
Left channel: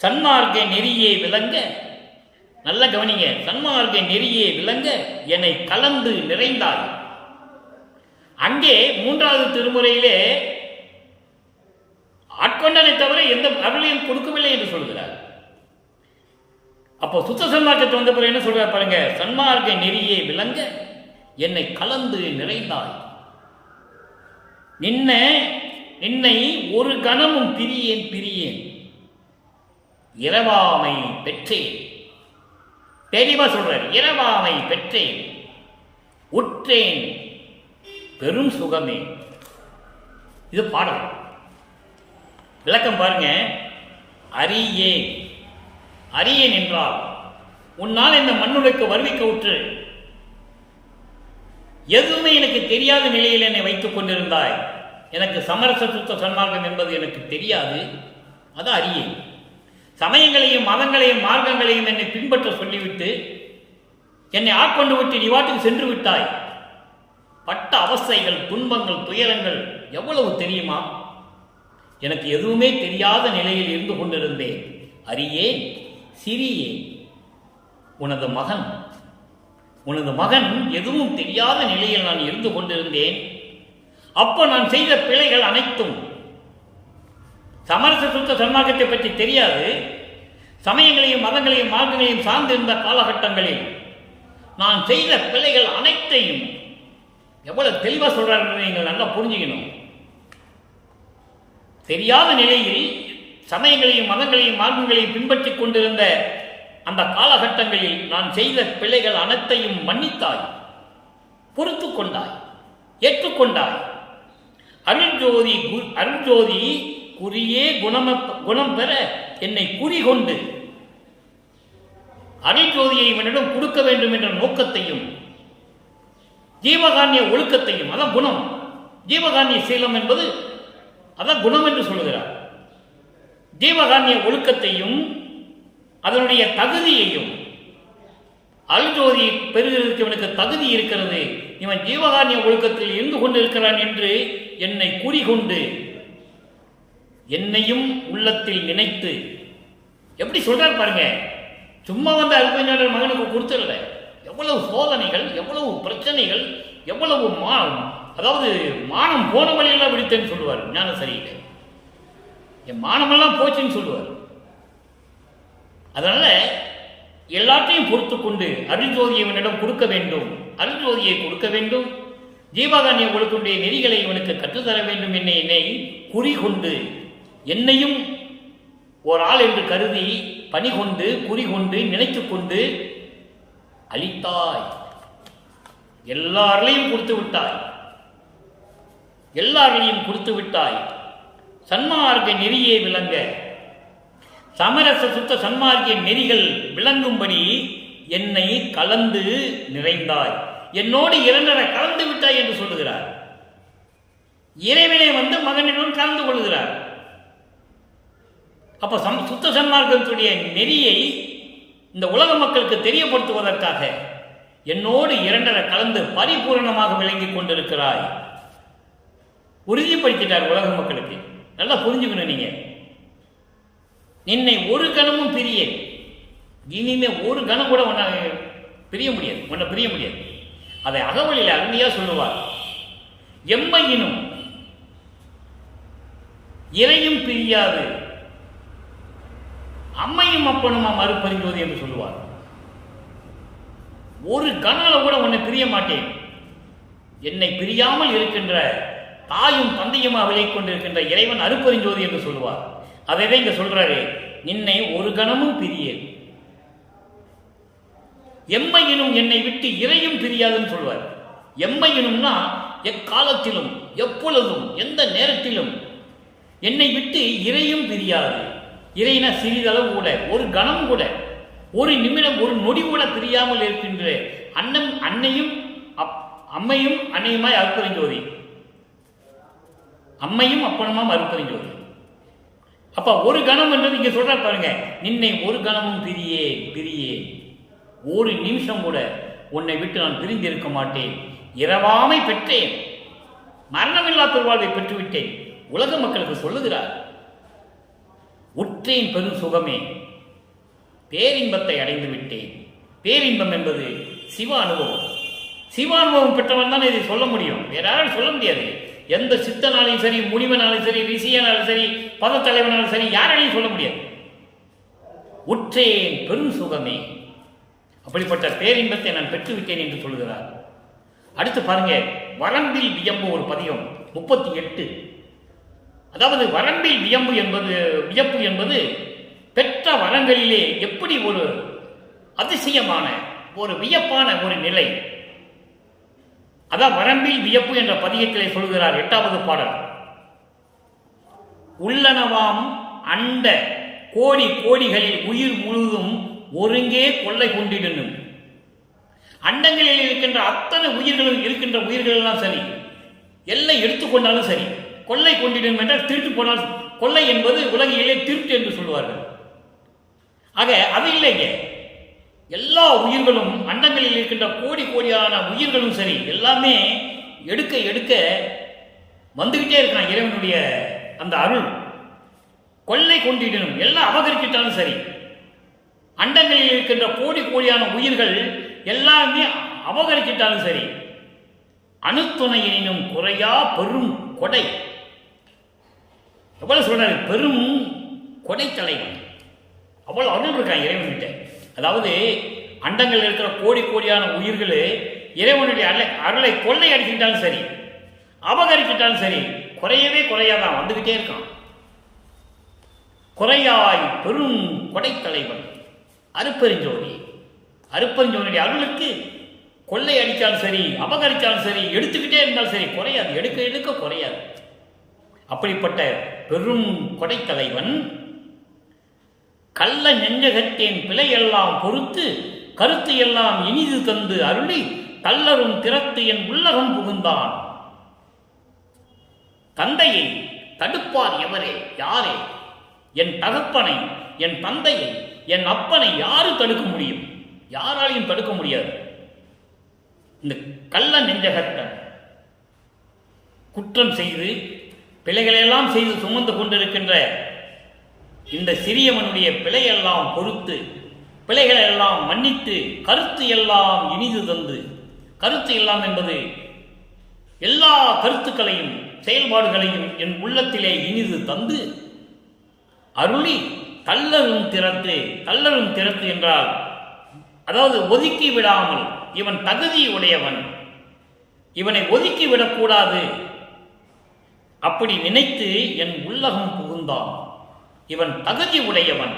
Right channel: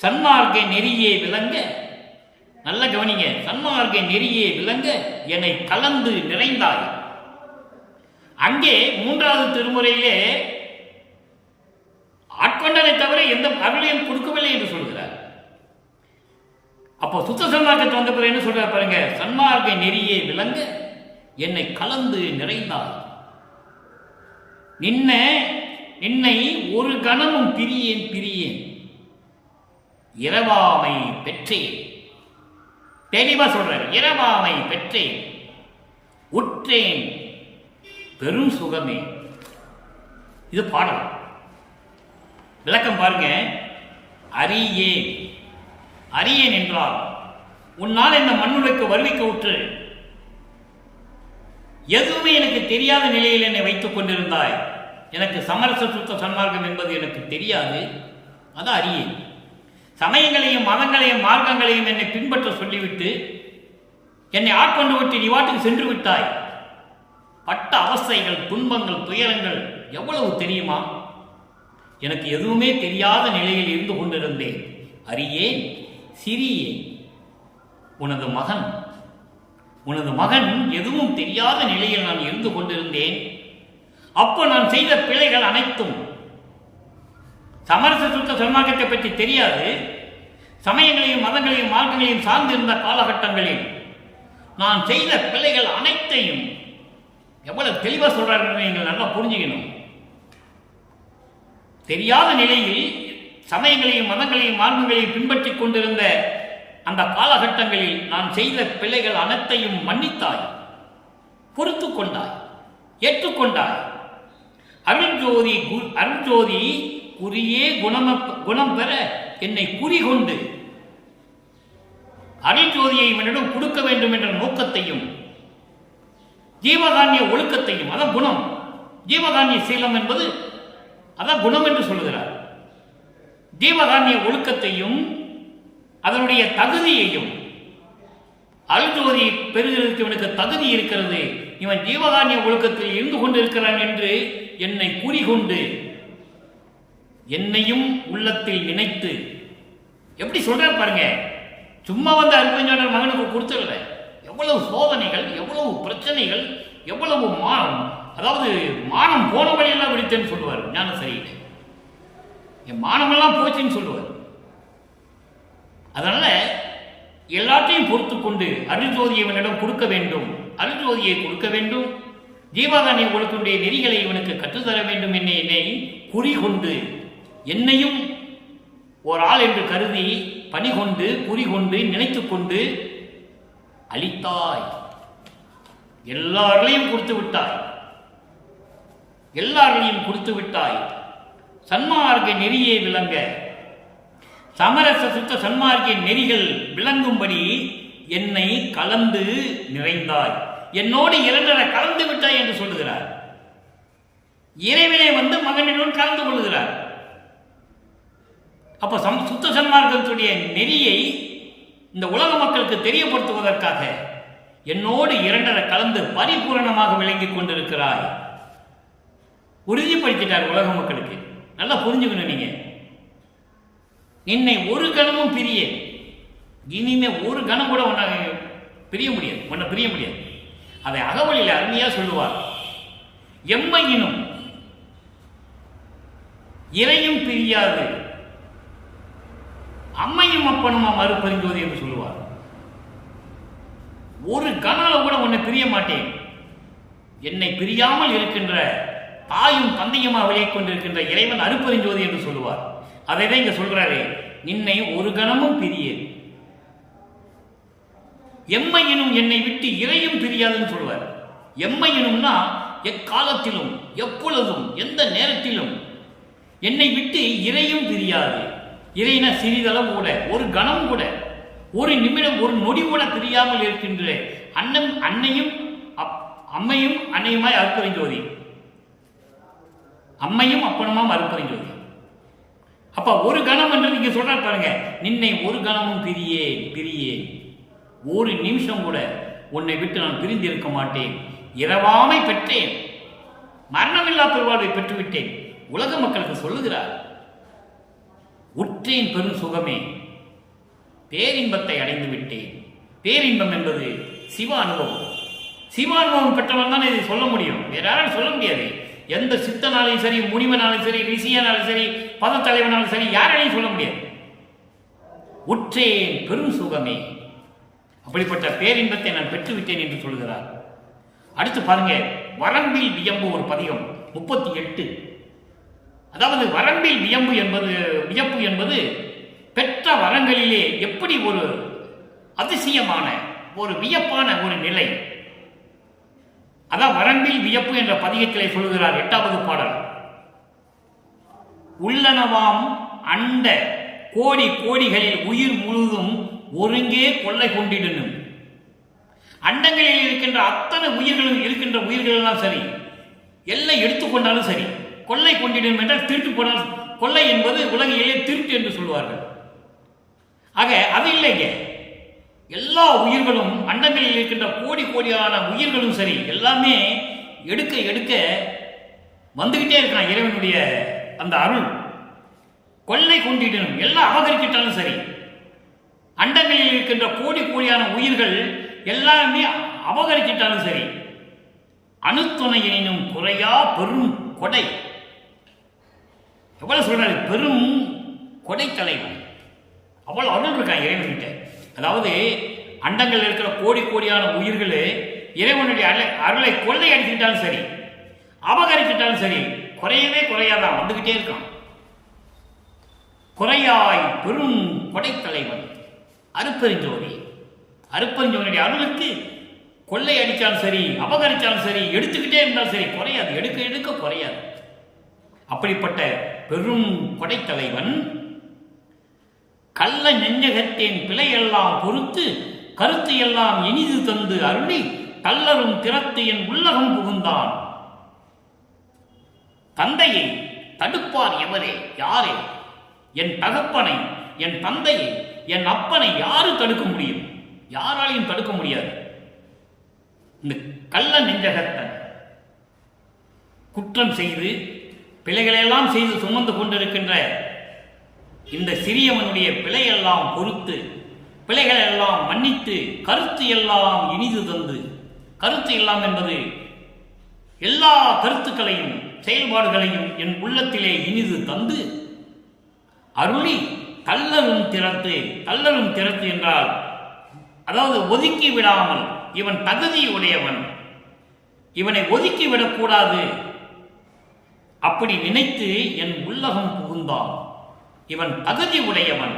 சன்மார்க்க நெறியே விளங்க, நல்ல கவனிங்க, சன்மார்க்க நெறியே விளங்க என்னை கலந்து நிறைந்தாய். அங்கே 3வது திருமுறையிலே ஆட்கொண்டனை தவிர எந்த அருளையும் கொடுக்கவில்லை என்று சொல்கிறார். அப்போ சுத்த சன்மார்க்கத்தை வந்த பிறகு என்ன சொல்றார் பாருங்க, சன்மார்க்க நெறியே விளங்க என்னை கலந்து நிறைந்தாய். நின்னை ஒரு கணமும் பிரியேன் இரவாமை பெற்றேன். தெளிவா சொல்றார், இரவாமை பெற்றேன் உற்றேன் பெரும் சுகமே. இது பாடல் விளக்கம் பாருங்க. அறியேன் என்றால் உன்னால் இந்த மண்ணுலைக்கு வருவிக்க உற்று எதுவுமே எனக்கு தெரியாத நிலையில் என்னை வைத்துக் கொண்டிருந்தாய். எனக்கு சமரச சுத்த சன்மார்க்கம் என்பது எனக்கு தெரியாது, அதான் அறியேன். சமயங்களையும் மதங்களையும் மார்க்கங்களையும் என்னை பின்பற்ற சொல்லிவிட்டு என்னை ஆட்கொண்டு விட்டு நீ வாட்டுக்கு சென்று விட்டாய். பட்ட அவஸ்தைகள், துன்பங்கள், துயரங்கள் எவ்வளவு தெரியுமா? எனக்கு எதுவுமே தெரியாத நிலையில் இருந்து கொண்டிருந்தேன். அறியேன் சிறியேன். உனது மகன் எதுவும் தெரியாத நிலையில் நான் இருந்து கொண்டிருந்தேன். அப்போ நான் செய்த பிழைகள் அனைத்தும், சமரச சுத்த சன்மார்க்கத்தை பற்றி தெரியாது, சமயங்களையும் மதங்களையும் மார்க்கங்களையும் சார்ந்திருந்த காலகட்டங்களில் நான் செய்த பிழைகள் அனைத்தையும் எவ்வளவு தெளிவாக சொல்றாரு நீங்கள் நல்லா புரிஞ்சுக்கணும். தெரியாத நிலையில் சமயங்களையும் மதங்களையும் மார்க்கங்களையும் பின்பற்றிக் கொண்டிருந்த அந்த காலகட்டங்களில் நான் செய்த பிழைகள் அனைத்தையும் மன்னித்தாய், பொறுத்து கொண்டாய், ஏற்றுக்கொண்டாய். அருள்ஜோதி குறியே குணம் பெற என்னை குறிகொண்டு அருள்ஜோதியை இவனிடம் கொடுக்க வேண்டும் என்ற நோக்கத்தையும் ஜீவகான்ய ஒழுக்கத்தையும், அதான் குணம். ஜீவகான்ய சீலம் என்பது அதான் குணம் என்று சொல்லுகிறார். ஜீவகான்ய ஒழுக்கத்தையும் அதனுடைய தகுதியையும், அருள்ஜோதியை பெறுகிறதுக்கு இவனுக்கு தகுதி இருக்கிறது, இவன் ஜீவகான்ய ஒழுக்கத்தில் இருந்து கொண்டிருக்கிறான் என்று என்னை குறிகொண்டு என்னையும் உள்ளத்தில் நினைத்து. எப்படி சொல்றார் பாருங்க, சும்மா வந்த அருப்பஞ்சாண்டர் மகனுக்கு கொடுத்துடல. எவ்வளவு சோதனைகள், எவ்வளவு பிரச்சனைகள், எவ்வளவு அதாவது மானம் போன வழியெல்லாம் விடுத்தேன்னு சொல்லுவார் ஞான சரியில்லை. என் மானமெல்லாம் போச்சுன்னு சொல்லுவார். அதனால எல்லாத்தையும் பொறுத்து கொண்டு அருள்ஜோதியை இவனிடம் கொடுக்க வேண்டும், அருள்ஜோதியை கொடுக்க வேண்டும், ஜீவகான்ய ஒழுக்குடைய நெறிகளை இவனுக்கு கற்றுத்தர வேண்டும் என்னை குறிகொண்டு, என்னையும் ஒரு ஆள் என்று கருதி பணி கொண்டு குறிகொண்டு நினைத்து கொண்டு அளித்தாய். எல்லாரையும் கொடுத்து விட்டாய், எல்லாரையும் கொடுத்து விட்டாய். சன்மார்க்க நெறியே விளங்க, சமரச சுத்த சன்மார்க்க நெறிகள் விளங்கும்படி என்னை கலந்து நிறைந்தாய். என்னோடு 2 கலந்து விட்டாய் என்று சொல்லுகிறார். இறைவனை வந்து மகனிடம் கலந்து கொள்ளுகிறார். அப்ப சுத்த சன்மார்க்கத்துடைய நெறியை இந்த உலக மக்களுக்கு தெரியப்படுத்துவதற்காக என்னோடு 2 கலந்து பரிபூரணமாக விளங்கி கொண்டிருக்கிறாய். உறுதிப்படுத்திட்டார் உலக மக்களுக்கு. நல்லா புரிஞ்சுக்கணும் நீங்க. என்னை ஒரு கணமும் பிரிய, இனிமே ஒரு கணம் கூட உன்னை பிரிய முடியாது. அதை அகவலில் அருமையா சொல்லுவார். எம்மையினும் இறையும் பிரியாது, அம்மையும் அப்பனுமா மறுபரிஞ்சோதி என்று சொல்லுவார். ஒரு கணால கூட உன்னை பிரிய மாட்டேன். என்னை பிரியாமல் இருக்கின்ற தாயும் தந்தையுமா விலகிக் கொண்டிருக்கின்ற இறைவன் அருப்பெருஞ்சோதி என்று சொல்லுவார். அதை தான் இங்க சொல்றாரு, நின்னை ஒரு கணமும் பிரியேன், எம்மையினும் என்னை விட்டு இறையும் பிரியாதுன்னு சொல்லுவார். எம்மையினும்னா எக்காலத்திலும் எப்பொழுதும் எந்த நேரத்திலும் என்னை விட்டு இறையும் பிரியாது. இறைனா சிறிதளவு கூட, ஒரு கணம் கூட, ஒரு நிமிடம், ஒரு நொடி கூட பிரியாமல் இருக்கின்ற அன்னையும் அம்மையும் அன்னையுமாய் அருப்பெருஞ்சோதி, அம்மையும் அப்பனுமாம் அருப்பெருஞ்சோதி. அப்ப ஒரு கணம் என்றது இங்க சொல்ற பாருங்க, நின்னை ஒரு கணமும் பிரியே, ஒரு நிமிஷம் கூட உன்னை விட்டு நான் பிரிந்திருக்க மாட்டேன். இரவாமை பெற்றேன், மரணமில்லா பெருவாழ்வை பெற்றுவிட்டேன், உலக மக்களுக்கு சொல்லுகிறார். உற்றேன் பெரும் சுகமே, பேரின்பத்தை அடைந்து விட்டேன். பேரின்பம் என்பது சிவ அனுபவம். சிவ அனுபவம் பெற்றவன் தான் இதை சொல்ல முடியும், வேற யாரும் சொல்ல முடியாது. எந்த சித்தனாலையும் சரி, முனிவனாலும் சரி, ரிஷியனாலும் சரி, பதத்தலைவனாலும் சரி, யாராலையும் சொல்ல முடியாது. உற்றேன் பெரும் சுகமே, அப்படிப்பட்ட பேரின்பத்தை நான் பெற்றுவிட்டேன் என்று சொல்கிறார். அடுத்து பாருங்க, வரம்பில் வியம்பு ஒரு பதிகம் 38. அதாவது வரம்பில் வியப்பு என்பது பெற்ற வரங்களிலே எப்படி ஒரு அதிசயமான ஒரு வியப்பான ஒரு நிலை. அதான் வரம்பில் வியப்பு என்ற பதிகத்திலே சொல்கிறார். 8வது பாடல். உள்ளனவாம் அண்ட கோடி கோடிகளில் உயிர் முழுதும் ஒருங்கே கொள்ளை கொண்டிடணும். அண்டங்களில் இருக்கின்ற அத்தனை உயிர்களும் இருக்கின்ற உயிர்கள் எல்லாம் சரி, எல்லை எடுத்துக்கொண்டாலும் சரி, கொள்ளை கொண்டிடும் என்றால் திருட்டு போனால் கொள்ளை என்பது உலகிலே திருட்டு என்று சொல்வார்கள். ஆக அது இல்லைங்க, எல்லா உயிர்களும் அண்டங்களில் இருக்கின்ற கோடி கோடியான உயிர்களும் சரி, எல்லாமே எடுக்க எடுக்க வந்துகிட்டே இருக்கான் இறைவனுடைய அந்த அருள். கொள்ளை கொண்டிடணும், எல்லாம் அபகரிச்சிட்டாலும் சரி, அண்டங்களில் இருக்கின்ற கோடி கோடியான உயிர்கள் எல்லாமே அபகரிச்சிட்டாலும் சரி, அணுத்துணையினும் குறையா பெரும் கொடை. எவ்வளவு சொல்றாரு, பெரும் கொடை தலைவன். அவ்வளவு அருள் இருக்கான் இறைவன்கிட்ட. அதாவது அண்டங்கள் இருக்கிற கோடி கோடியான உயிர்கள் இறைவனுடைய அருளை கொள்ளை அடிச்சுக்கிட்டாலும் சரி, அபகரிச்சிட்டாலும் சரி, குறையவே குறையாதான், வந்துகிட்டே இருக்கான். குறையாய் பெரும் கொடைத்தலைவன் அருப்பெருஞ்சோதி. அருப்பெருஞ்சோதியுடைய அருளுக்கு கொள்ளை அடித்தாலும் சரி, அபகரித்தாலும் சரி, எடுத்துக்கிட்டே இருந்தாலும் சரி, குறையாது, எடுக்க எடுக்க குறையாது. அப்படிப்பட்ட பெரும் கொடைத்தலைவன் கள்ள நெஞ்சகத்தேன் பிழையெல்லாம் பொறுத்து கருத்து எல்லாம் இனிது தந்து அருளி கல்லரும் திறத்து என் உள்ளகம் புகுந்தான். தந்தையை தடுப்பார் எவரே, யாரே? என் தகப்பனை, என் தந்தையை, என் அப்பனை யாரு தடுக்க முடியும்? யாராலையும் தடுக்க முடியாது. இந்த கள்ள நெஞ்சகத்தன் குற்றம் செய்து பிழைகளெல்லாம் செய்து சுமந்து கொண்டிருக்கின்ற இந்த சிறியவனுடைய பிழையெல்லாம் பொறுத்து, பிழைகளெல்லாம் மன்னித்து, கருத்து எல்லாம் இனிது தந்து, கருத்து எல்லாம் என்பது எல்லா கருத்துக்களையும் செயல்பாடுகளையும் என் உள்ளத்திலே இனிது தந்து அருளி கல்லரும் திறத்து. கல்லரும் திறத்து என்றால் அதாவது ஒதுக்கி விடாமல், இவன் தகுதி உடையவன், இவனை ஒதுக்கி விடக்கூடாது அப்படி நினைத்து என் உள்ளகம் புகுந்தான். இவன் தகுதி உடையவன்,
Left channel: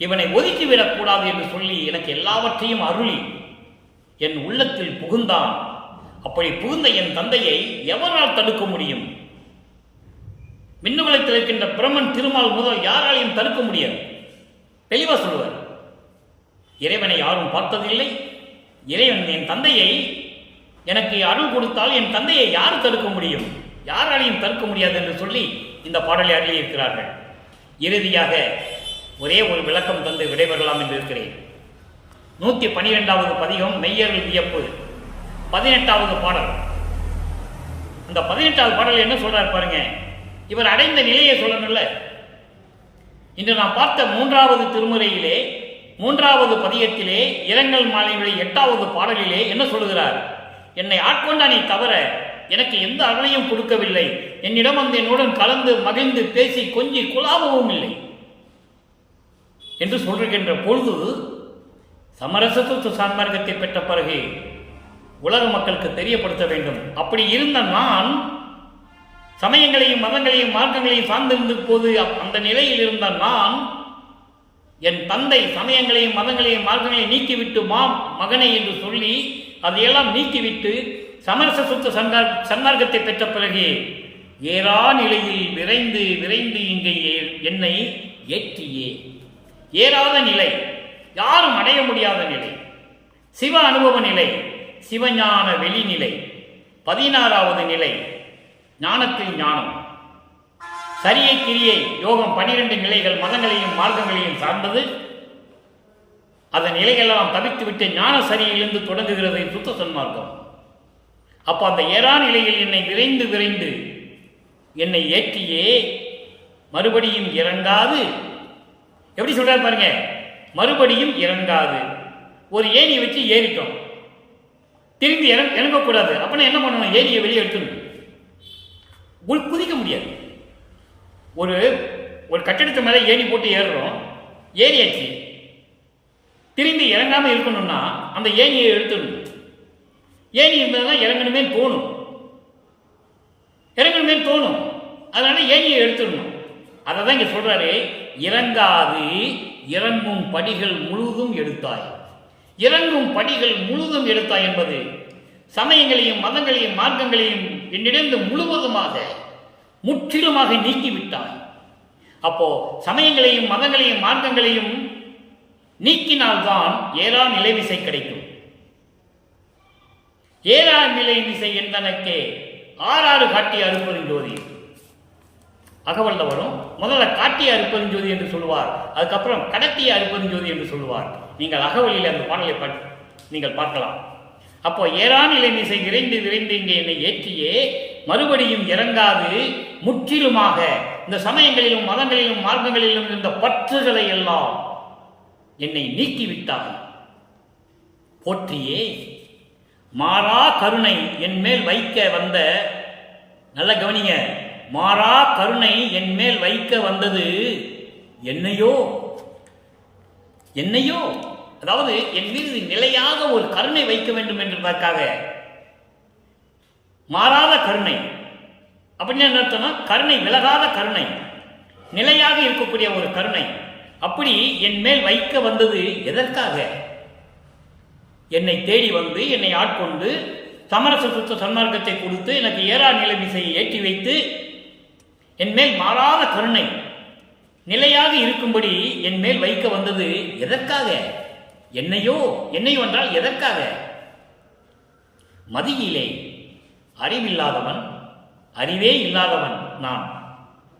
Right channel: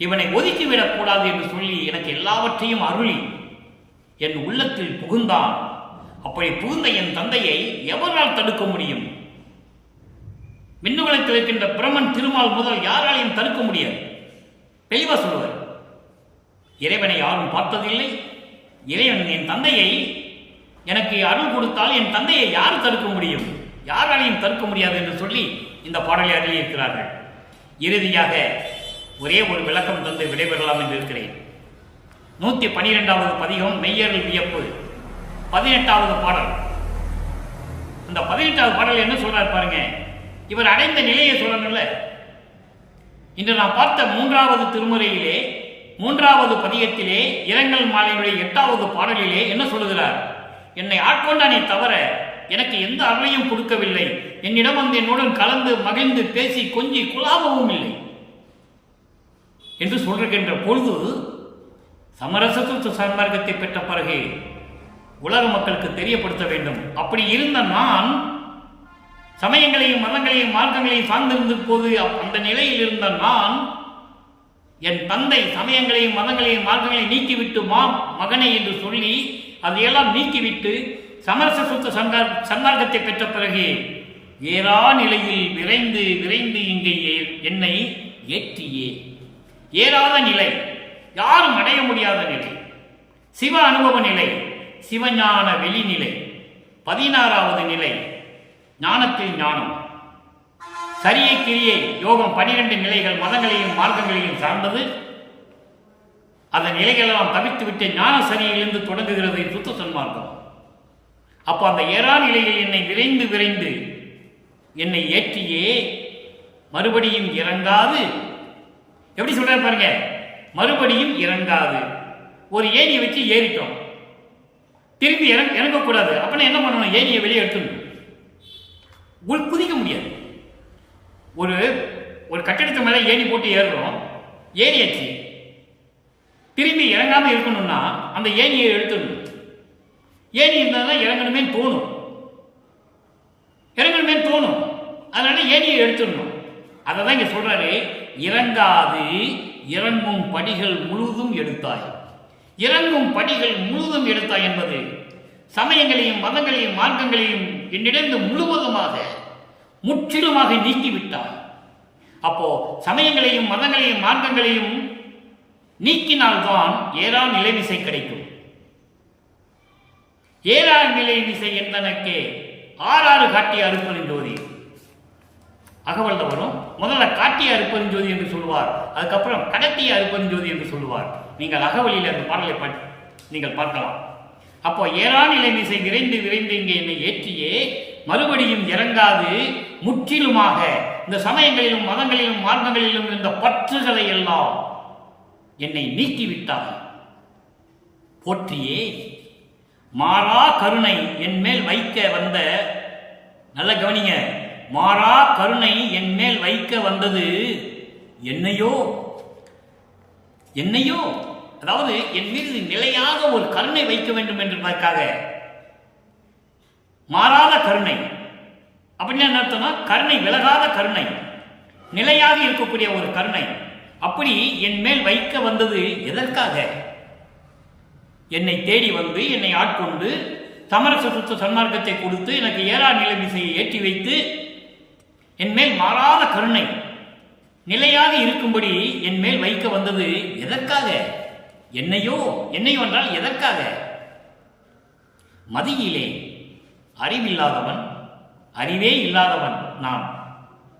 இவனை ஒதுக்கிவிடக்கூடாது என்று சொல்லி எனக்கு எல்லாவற்றையும் அருளி என் உள்ளத்தில் புகுந்தான். அப்படி புகுந்த என் தந்தையை எவரால் தடுக்க முடியும்? விண்ணுலகத்தில் இருக்கின்ற பிரமன் திருமால் முதல் யாராலையும் தடுக்க முடியாது. தெளிவா சொல்லுவார். இறைவனை யாரும் பார்த்ததில்லை. இறைவன் என் தந்தையை எனக்கு அருள் கொடுத்தால் என் தந்தையை யார் தடுக்க முடியும்? யாராலையும் தடுக்க முடியாது என்று சொல்லி இந்த பாடலை அருளியிருக்கிறார்கள். இறுதியாக ஒரே ஒரு விளக்கம் தந்து விடைபெறலாம் என்று இருக்கிறேன். 112வது பதிகம் மெய்யருள் வியப்பு, 18வது பாடல். அந்த 18வது பாடல் என்ன சொல்றாரு பாருங்க. இவர் அடைந்த நிலையை சொல்லணும்ல. இன்று நாம் பார்த்த 3வது திருமுறையிலே 3வது பதிகத்திலே இரங்கல் மாலையினுடைய 8வது பாடலிலே என்ன சொல்லுகிறார்? என்னை ஆட்கொண்டானே தவிர எனக்கு எந்த அருளையும் கொடுக்கவில்லை. என்னிடம் வந்து என்னுடன் கலந்து மகிழ்ந்து பேசி கொஞ்சி குழாவவும் இல்லை என்று சொல்கின்ற பொழுது, சமரசத்துவ சன்மார்க்கத்தை பெற்ற பிறகு உலக மக்களுக்கு தெரியப்படுத்த வேண்டும். அப்படி இருந்த நான் சமயங்களையும் மதங்களையும் மார்க்கங்களையும் சார்ந்திருந்த போது அந்த நிலையில் இருந்த நான் என் தந்தை சமயங்களையும் மதங்களையும் மார்க்கங்களையும் நீக்கிவிட்டு மகனை என்று சொல்லி அதையெல்லாம் நீக்கிவிட்டு சமரச சுத்த சன்மார்க்கத்தை பெற்ற பிறகு ஏறா நிலையில் விரைந்து விரைந்து இங்கே என்னை ஏற்றியே. ஏறாத நிலை, யாரும் அடைய முடியாத நிலை, சிவ அனுபவ நிலை, சிவஞான வெளிநிலை. 16வது நிலை ஞானத்தில் ஞானம், சரியை கிரியை யோகம். 12 நிலைகள் மதங்களையும் மார்க்கங்களையும் சார்ந்தது. அந்த நிலைகளெல்லாம் தவித்துவிட்டு ஞான சரியிலிருந்து தொடங்குகிறது சுத்த சன்மார்க்கம். அப்போ அந்த ஏறா நிலையில் என்னை விரைந்து விரைந்து என்னை ஏற்றியே மறுபடியும் இறங்காது, எப்படி சொல்றாரு பாருங்க, மறுபடியும் இறங்காது. ஒரு ஏணியை வச்சு ஏறிட்டோம், திரும்பி இறங்கக்கூடாது. அப்ப என்ன பண்ணணும்? ஏணியை வெளியே எடுத்துடணும். குதிக்க முடியாது. ஒரு ஒரு கட்டிடத்து மேலே ஏணி போட்டு ஏறுறோம், ஏறியாச்சு, திரும்பி இறங்காம இருக்கணும்னா அந்த ஏணியை எடுத்துடணும். ஏணி இருந்தால் தான் இறங்கணுமே தோணும், அதனால ஏணியை எடுத்துடணும். அதை தான் இங்க சொல்றாரு, இறங்காது இறங்கும் படிகள் முழுதும் எடுத்தாய். இறங்கும் படிகள் முழுதும் எடுத்தாய் என்பது சமயங்களையும் மதங்களையும் மார்க்கங்களையும் என்னிடந்து முழுவதுமாக முற்றிலுமாக நீக்கிவிட்டாய். அப்போ சமயங்களையும் மதங்களையும் மார்க்கங்களையும் நீக்கினால்தான் ஏறா நிலைமிசை கிடைக்கும். ஏறா நிலைமிசை என்பனக்கே ஆறாறு காட்டிய அருப்பெருஞ்சோதி. அகவல்ல வரும், முதல்ல காட்டிய அருப்பெருஞ்சோதி என்று சொல்லுவார், அதுக்கப்புறம் கடத்திய அருப்பெருஞ்சோதி என்று சொல்லுவார். நீங்கள் அகவலில் அந்த பாடலை நீங்கள் பார்க்கலாம். அப்போ ஏறா நிலைமிசை விரைந்து விரைந்து இங்கே என்னை ஏற்றியே மறுபடியும் இறங்காது முற்றிலுமாக இந்த சமயங்களிலும் மதங்களிலும் மார்க்கங்களிலும் இருந்த பற்றுகளை எல்லாம் என்னை நீக்கிவிட்டாய். போற்றியே மாறா கருணை என் மேல் வைக்க வந்த, நல்ல கவனிங்க, மாறா கருணை என் மேல் வைக்க வந்தது என்னையோ, அதாவது என் மீது நிலையாக ஒரு கருணை வைக்க வேண்டும் என்பதற்காக மாறாத கருணை. அப்படின்னு என்ன அர்த்தம்னா, கருணை விலகாத கருணை, நிலையாக இருக்கக்கூடிய ஒரு கருணை. அப்படி என் மேல் வைக்க வந்தது எதற்காக? என்னை தேடி வந்து என்னை ஆட்கொண்டு சமரச சுத்த சன்மார்க்கத்தை கொடுத்து எனக்கு ஏறா நிலைமிசையை ஏற்றி வைத்து என் மேல் மாறாத கருணை நிலையாக இருக்கும்படி என் மேல் வைக்க வந்தது எதற்காக? என்னையோ என்றால் எதற்காக? மதியிலே அறிவில்லாதவன், அறிவே இல்லாதவன் நான்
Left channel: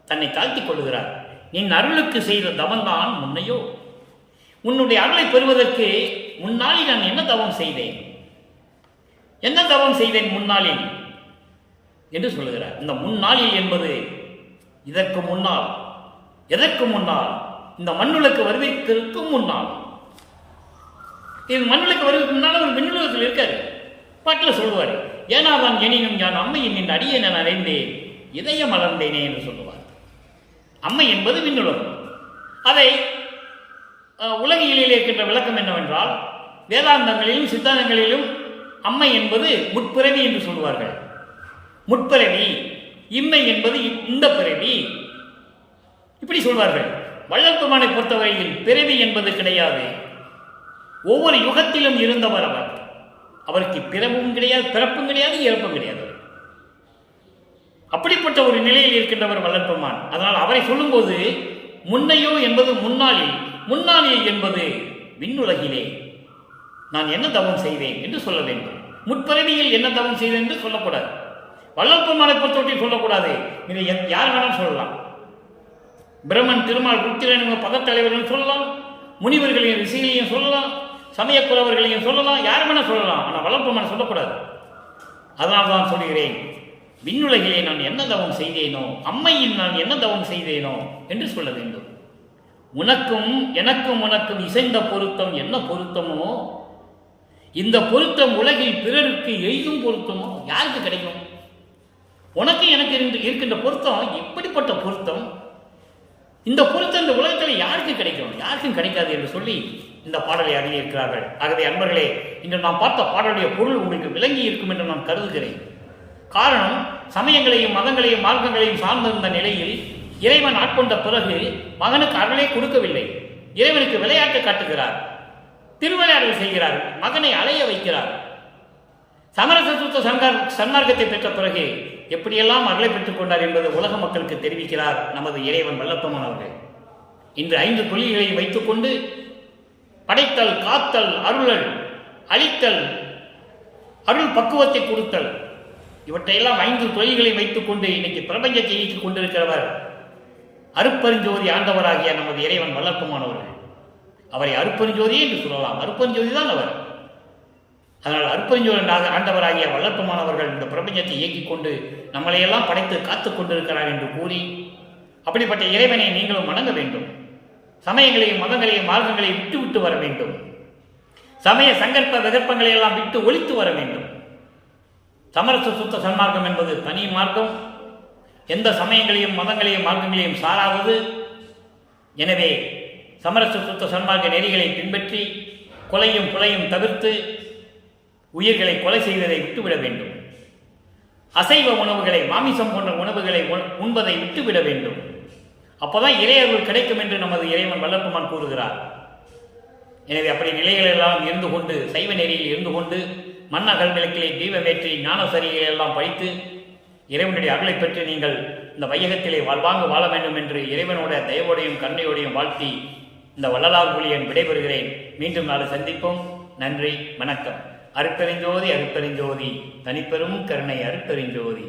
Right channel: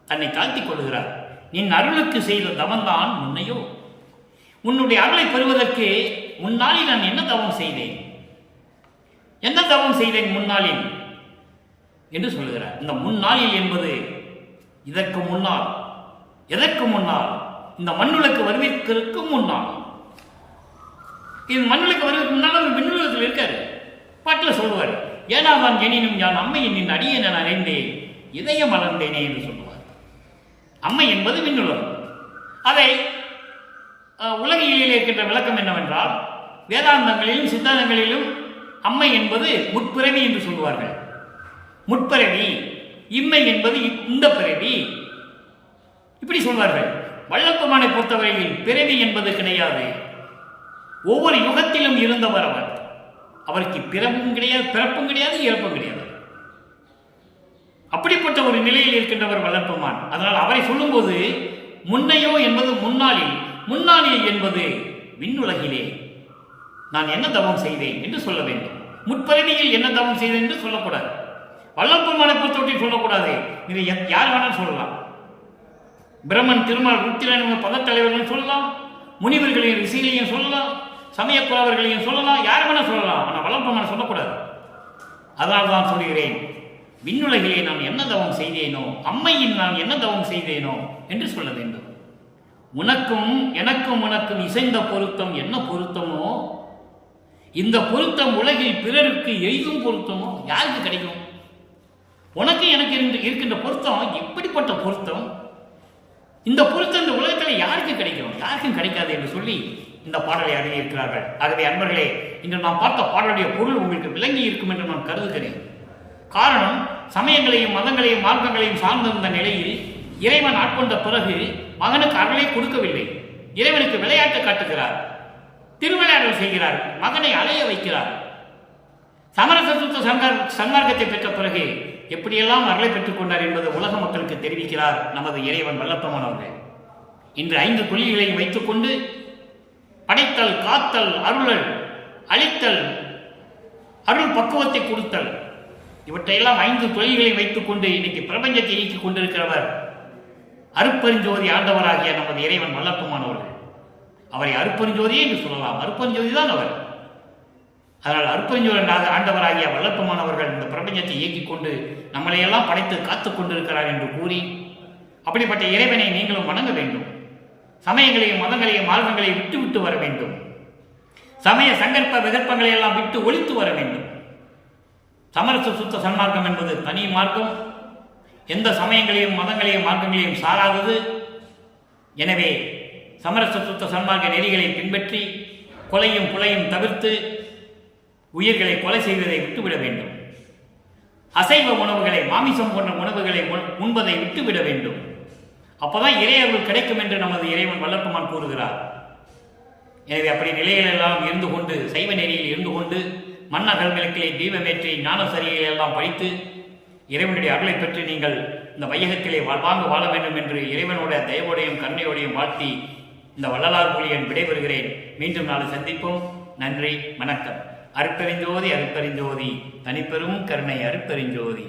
தன்னை தாழ்த்திக் கொள்கிறார். நின் அருளுக்கு செய்த தவன்தான் முன்னையோ. உன்னுடைய அருளை பெறுவதற்கு முன்னாளில் நான் என்ன தவம் செய்தேன் முன்னாளில் என்று சொல்லுகிறார். இந்த முன்னாளில் என்பது இதற்கு முன்னால், எதற்கு முன்னால்? இந்த மண்ணுலக்கு வருவதற்கு முன்னால். இது மண்ணுலக்கு வருவதற்கு முன்னால் அவர் விண்ணுலகத்தில் இருக்காரு. பாட்டில் சொல்லுவார், ஏனாதான் எனினும் யான் அம்மையின் நின் அடியை நான் அறிந்தேன், இதயம் மலர்ந்தேனே என்று சொல்லுவார். அம்மை என்பது விண்ணுலகம். அதை உலகியலில் இருக்கின்ற விளக்கம் என்னவென்றால், வேதாந்தங்களிலும் சித்தாந்தங்களிலும் அம்மை என்பது முற்பிறவி என்று சொல்வார்கள். முற்பிறவி, இம்மை என்பது இந்த பிறவி, இப்படி சொல்வார்கள். வள்ளற்பெருமானை பொறுத்தவரையில் பிறவி என்பது கிடையாது. ஒவ்வொரு யுகத்திலும் இருந்தவர் அவர். அவருக்கு பிறப்பும் கிடையாது, இறப்பும் கிடையாது. அப்படிப்பட்ட ஒரு நிலையில் இருக்கின்றவர் வள்ளற்பெருமான். அதனால் அவரை சொல்லும்போது முன்னையோ என்பது முன்னாளில் என்பது விண்ணுலகிலே நான் என்ன தவம் செய்தேன் என்று சொல்ல வேண்டும். முற்பிறவியில் என்ன தவம் செய்தேன் என்று சொல்லக்கூடாது. வள்ளற்பெருமானை பொறுத்தவற்றை சொல்லக்கூடாது. இதை யார் வேணாலும் சொல்லலாம். பிரம்மன், திருமால், ருத்திரன் பதத்தலைவர்களையும் சொல்லலாம், முனிவர்களையும் ரிஷிகளையும் சொல்லலாம், சமயக்குறவர்களையும் சொல்லலாம், யார் வேணா சொல்லலாம். ஆனால் வள்ளற்பெருமானை சொல்லக்கூடாது. அதனால் தான் சொல்கிறேன், விண்ணுலகிலே நான் என்ன தவம் செய்தேனோ, அம்மையில் நான் என்ன தவம் செய்தேனோ என்று சொல்ல வேண்டும். உனக்கும் உனக்கும் இசைந்த பொருத்தம் என்ன பொருத்தமோ, இந்த பொருத்தம் உலகில் பிறருக்கு எய்தும் பொருத்தமோ யாருக்கு கிடைக்கும்? உனக்கு எனக்கு இருக்கின்ற பொருத்தம் எப்படிப்பட்ட பொருத்தம்? இந்த பொருத்தம் இந்த உலகத்தில் யாருக்கு கிடைக்கும்? யாருக்கும் கிடைக்காது என்று சொல்லி இந்த பாடலை அறிவிக்கிறார்கள். ஆகவே அன்பர்களே, இன்று நாம் பார்த்த பாடலுடைய பொருள் உங்களுக்கு விளங்கி இருக்கும் என்று நான் கருதுகிறேன். காரணம், சமயங்களையும் மதங்களையும் மார்க்கங்களையும் சார்ந்திருந்த நிலையில் இறைவன் ஆட்கொண்ட பிறகு மகனுக்கு அருளை கொடுக்கவில்லை. இறைவனுக்கு விளையாட்டு காட்டுகிறார், திருவிளையாடல் செய்கிறார், மகனை அலைய வைக்கிறார். சமரச சன்மார்க்கத்தை பெற்ற பிறகு எப்படியெல்லாம் அருளை பெற்றுக் கொண்டார் என்பது உலக மக்களுக்கு தெரிவிக்கிறார் நமது இறைவன் வல்லப்பெருமான் அவர்கள். இன்று 5 தொழில்களையும் வைத்துக்கொண்டு படைத்தல், காத்தல், அருளல், அழித்தல், அருள் பக்குவத்தை கொடுத்தல், இவற்றையெல்லாம் 5 தொழில்களையும் வைத்துக்கொண்டு இன்னைக்கு பிரபஞ்சத்தை இயக்கிக் கொண்டிருக்கிறவர் அருப்பெருஞ்சோதி ஆண்டவராகிய நமது இறைவன் வல்லப்பெருமான் அவர்கள். அவரை அருப்பெருஞ்சோதி என்று சொல்லலாம். அருப்பெருஞ்சோதி தான் அவர். அதனால் அருட்பெருஞ்சோதி ஆண்டவராகிய வல்லற்பமானவர்கள் இந்த பிரபஞ்சத்தை இயக்கிக் கொண்டு நம்மளையெல்லாம் படைத்து காத்து கொண்டிருக்கிறார் என்று கூறி, அப்படிப்பட்ட இறைவனை நீங்களும் வணங்க வேண்டும். சமயங்களையும் மதங்களையும் மார்க்கங்களையும் விட்டு விட்டு வர வேண்டும். சமய சங்கல்ப விகற்பங்களை எல்லாம் விட்டு ஒழித்து வர வேண்டும். சமரச சுத்த சன்மார்க்கம் என்பது தனி மார்க்கம், எந்த சமயங்களையும் மதங்களையும் மார்க்கங்களையும் சாராதது. எனவே சமரச சுத்த சன்மார்க்க நெறிகளை பின்பற்றி கொலையும் புலையும் தவிர்த்து உயிர்களை கொலை செய்வதை விட்டுவிட வேண்டும். அசைவ உணவுகளை, மாமிசம் போன்ற உணவுகளை உண்பதை விட்டுவிட வேண்டும். அப்போதான் இறையருள் கிடைக்கும் என்று நமது இறைவன் வல்லற்பமான் கூறுகிறார். எனவே அப்படி நிலைகளெல்லாம் இருந்து கொண்டு, சைவ நெறியில் இருந்து கொண்டு, மண்ணகல் விளக்கிலே தீபமேற்றி ஞானசரியை எல்லாம் படித்து இறைவனுடைய அருளை பெற்று நீங்கள் இந்த வையகத்திலே வாழ்வாங்கு வாழ வேண்டும் என்று இறைவனுடைய தயவோடையும் கருணையோடையும் வாழ்த்தி இந்த வள்ளலார் புலியன் விடைபெறுகிறேன். மீண்டும் நாளை சந்திப்போம். நன்றி, வணக்கம். அருட்பெருஞ்சோதி அருட்பெருஞ்சோதி, தனிப்பெரும் கருணை அருட்பெருஞ்சோதி.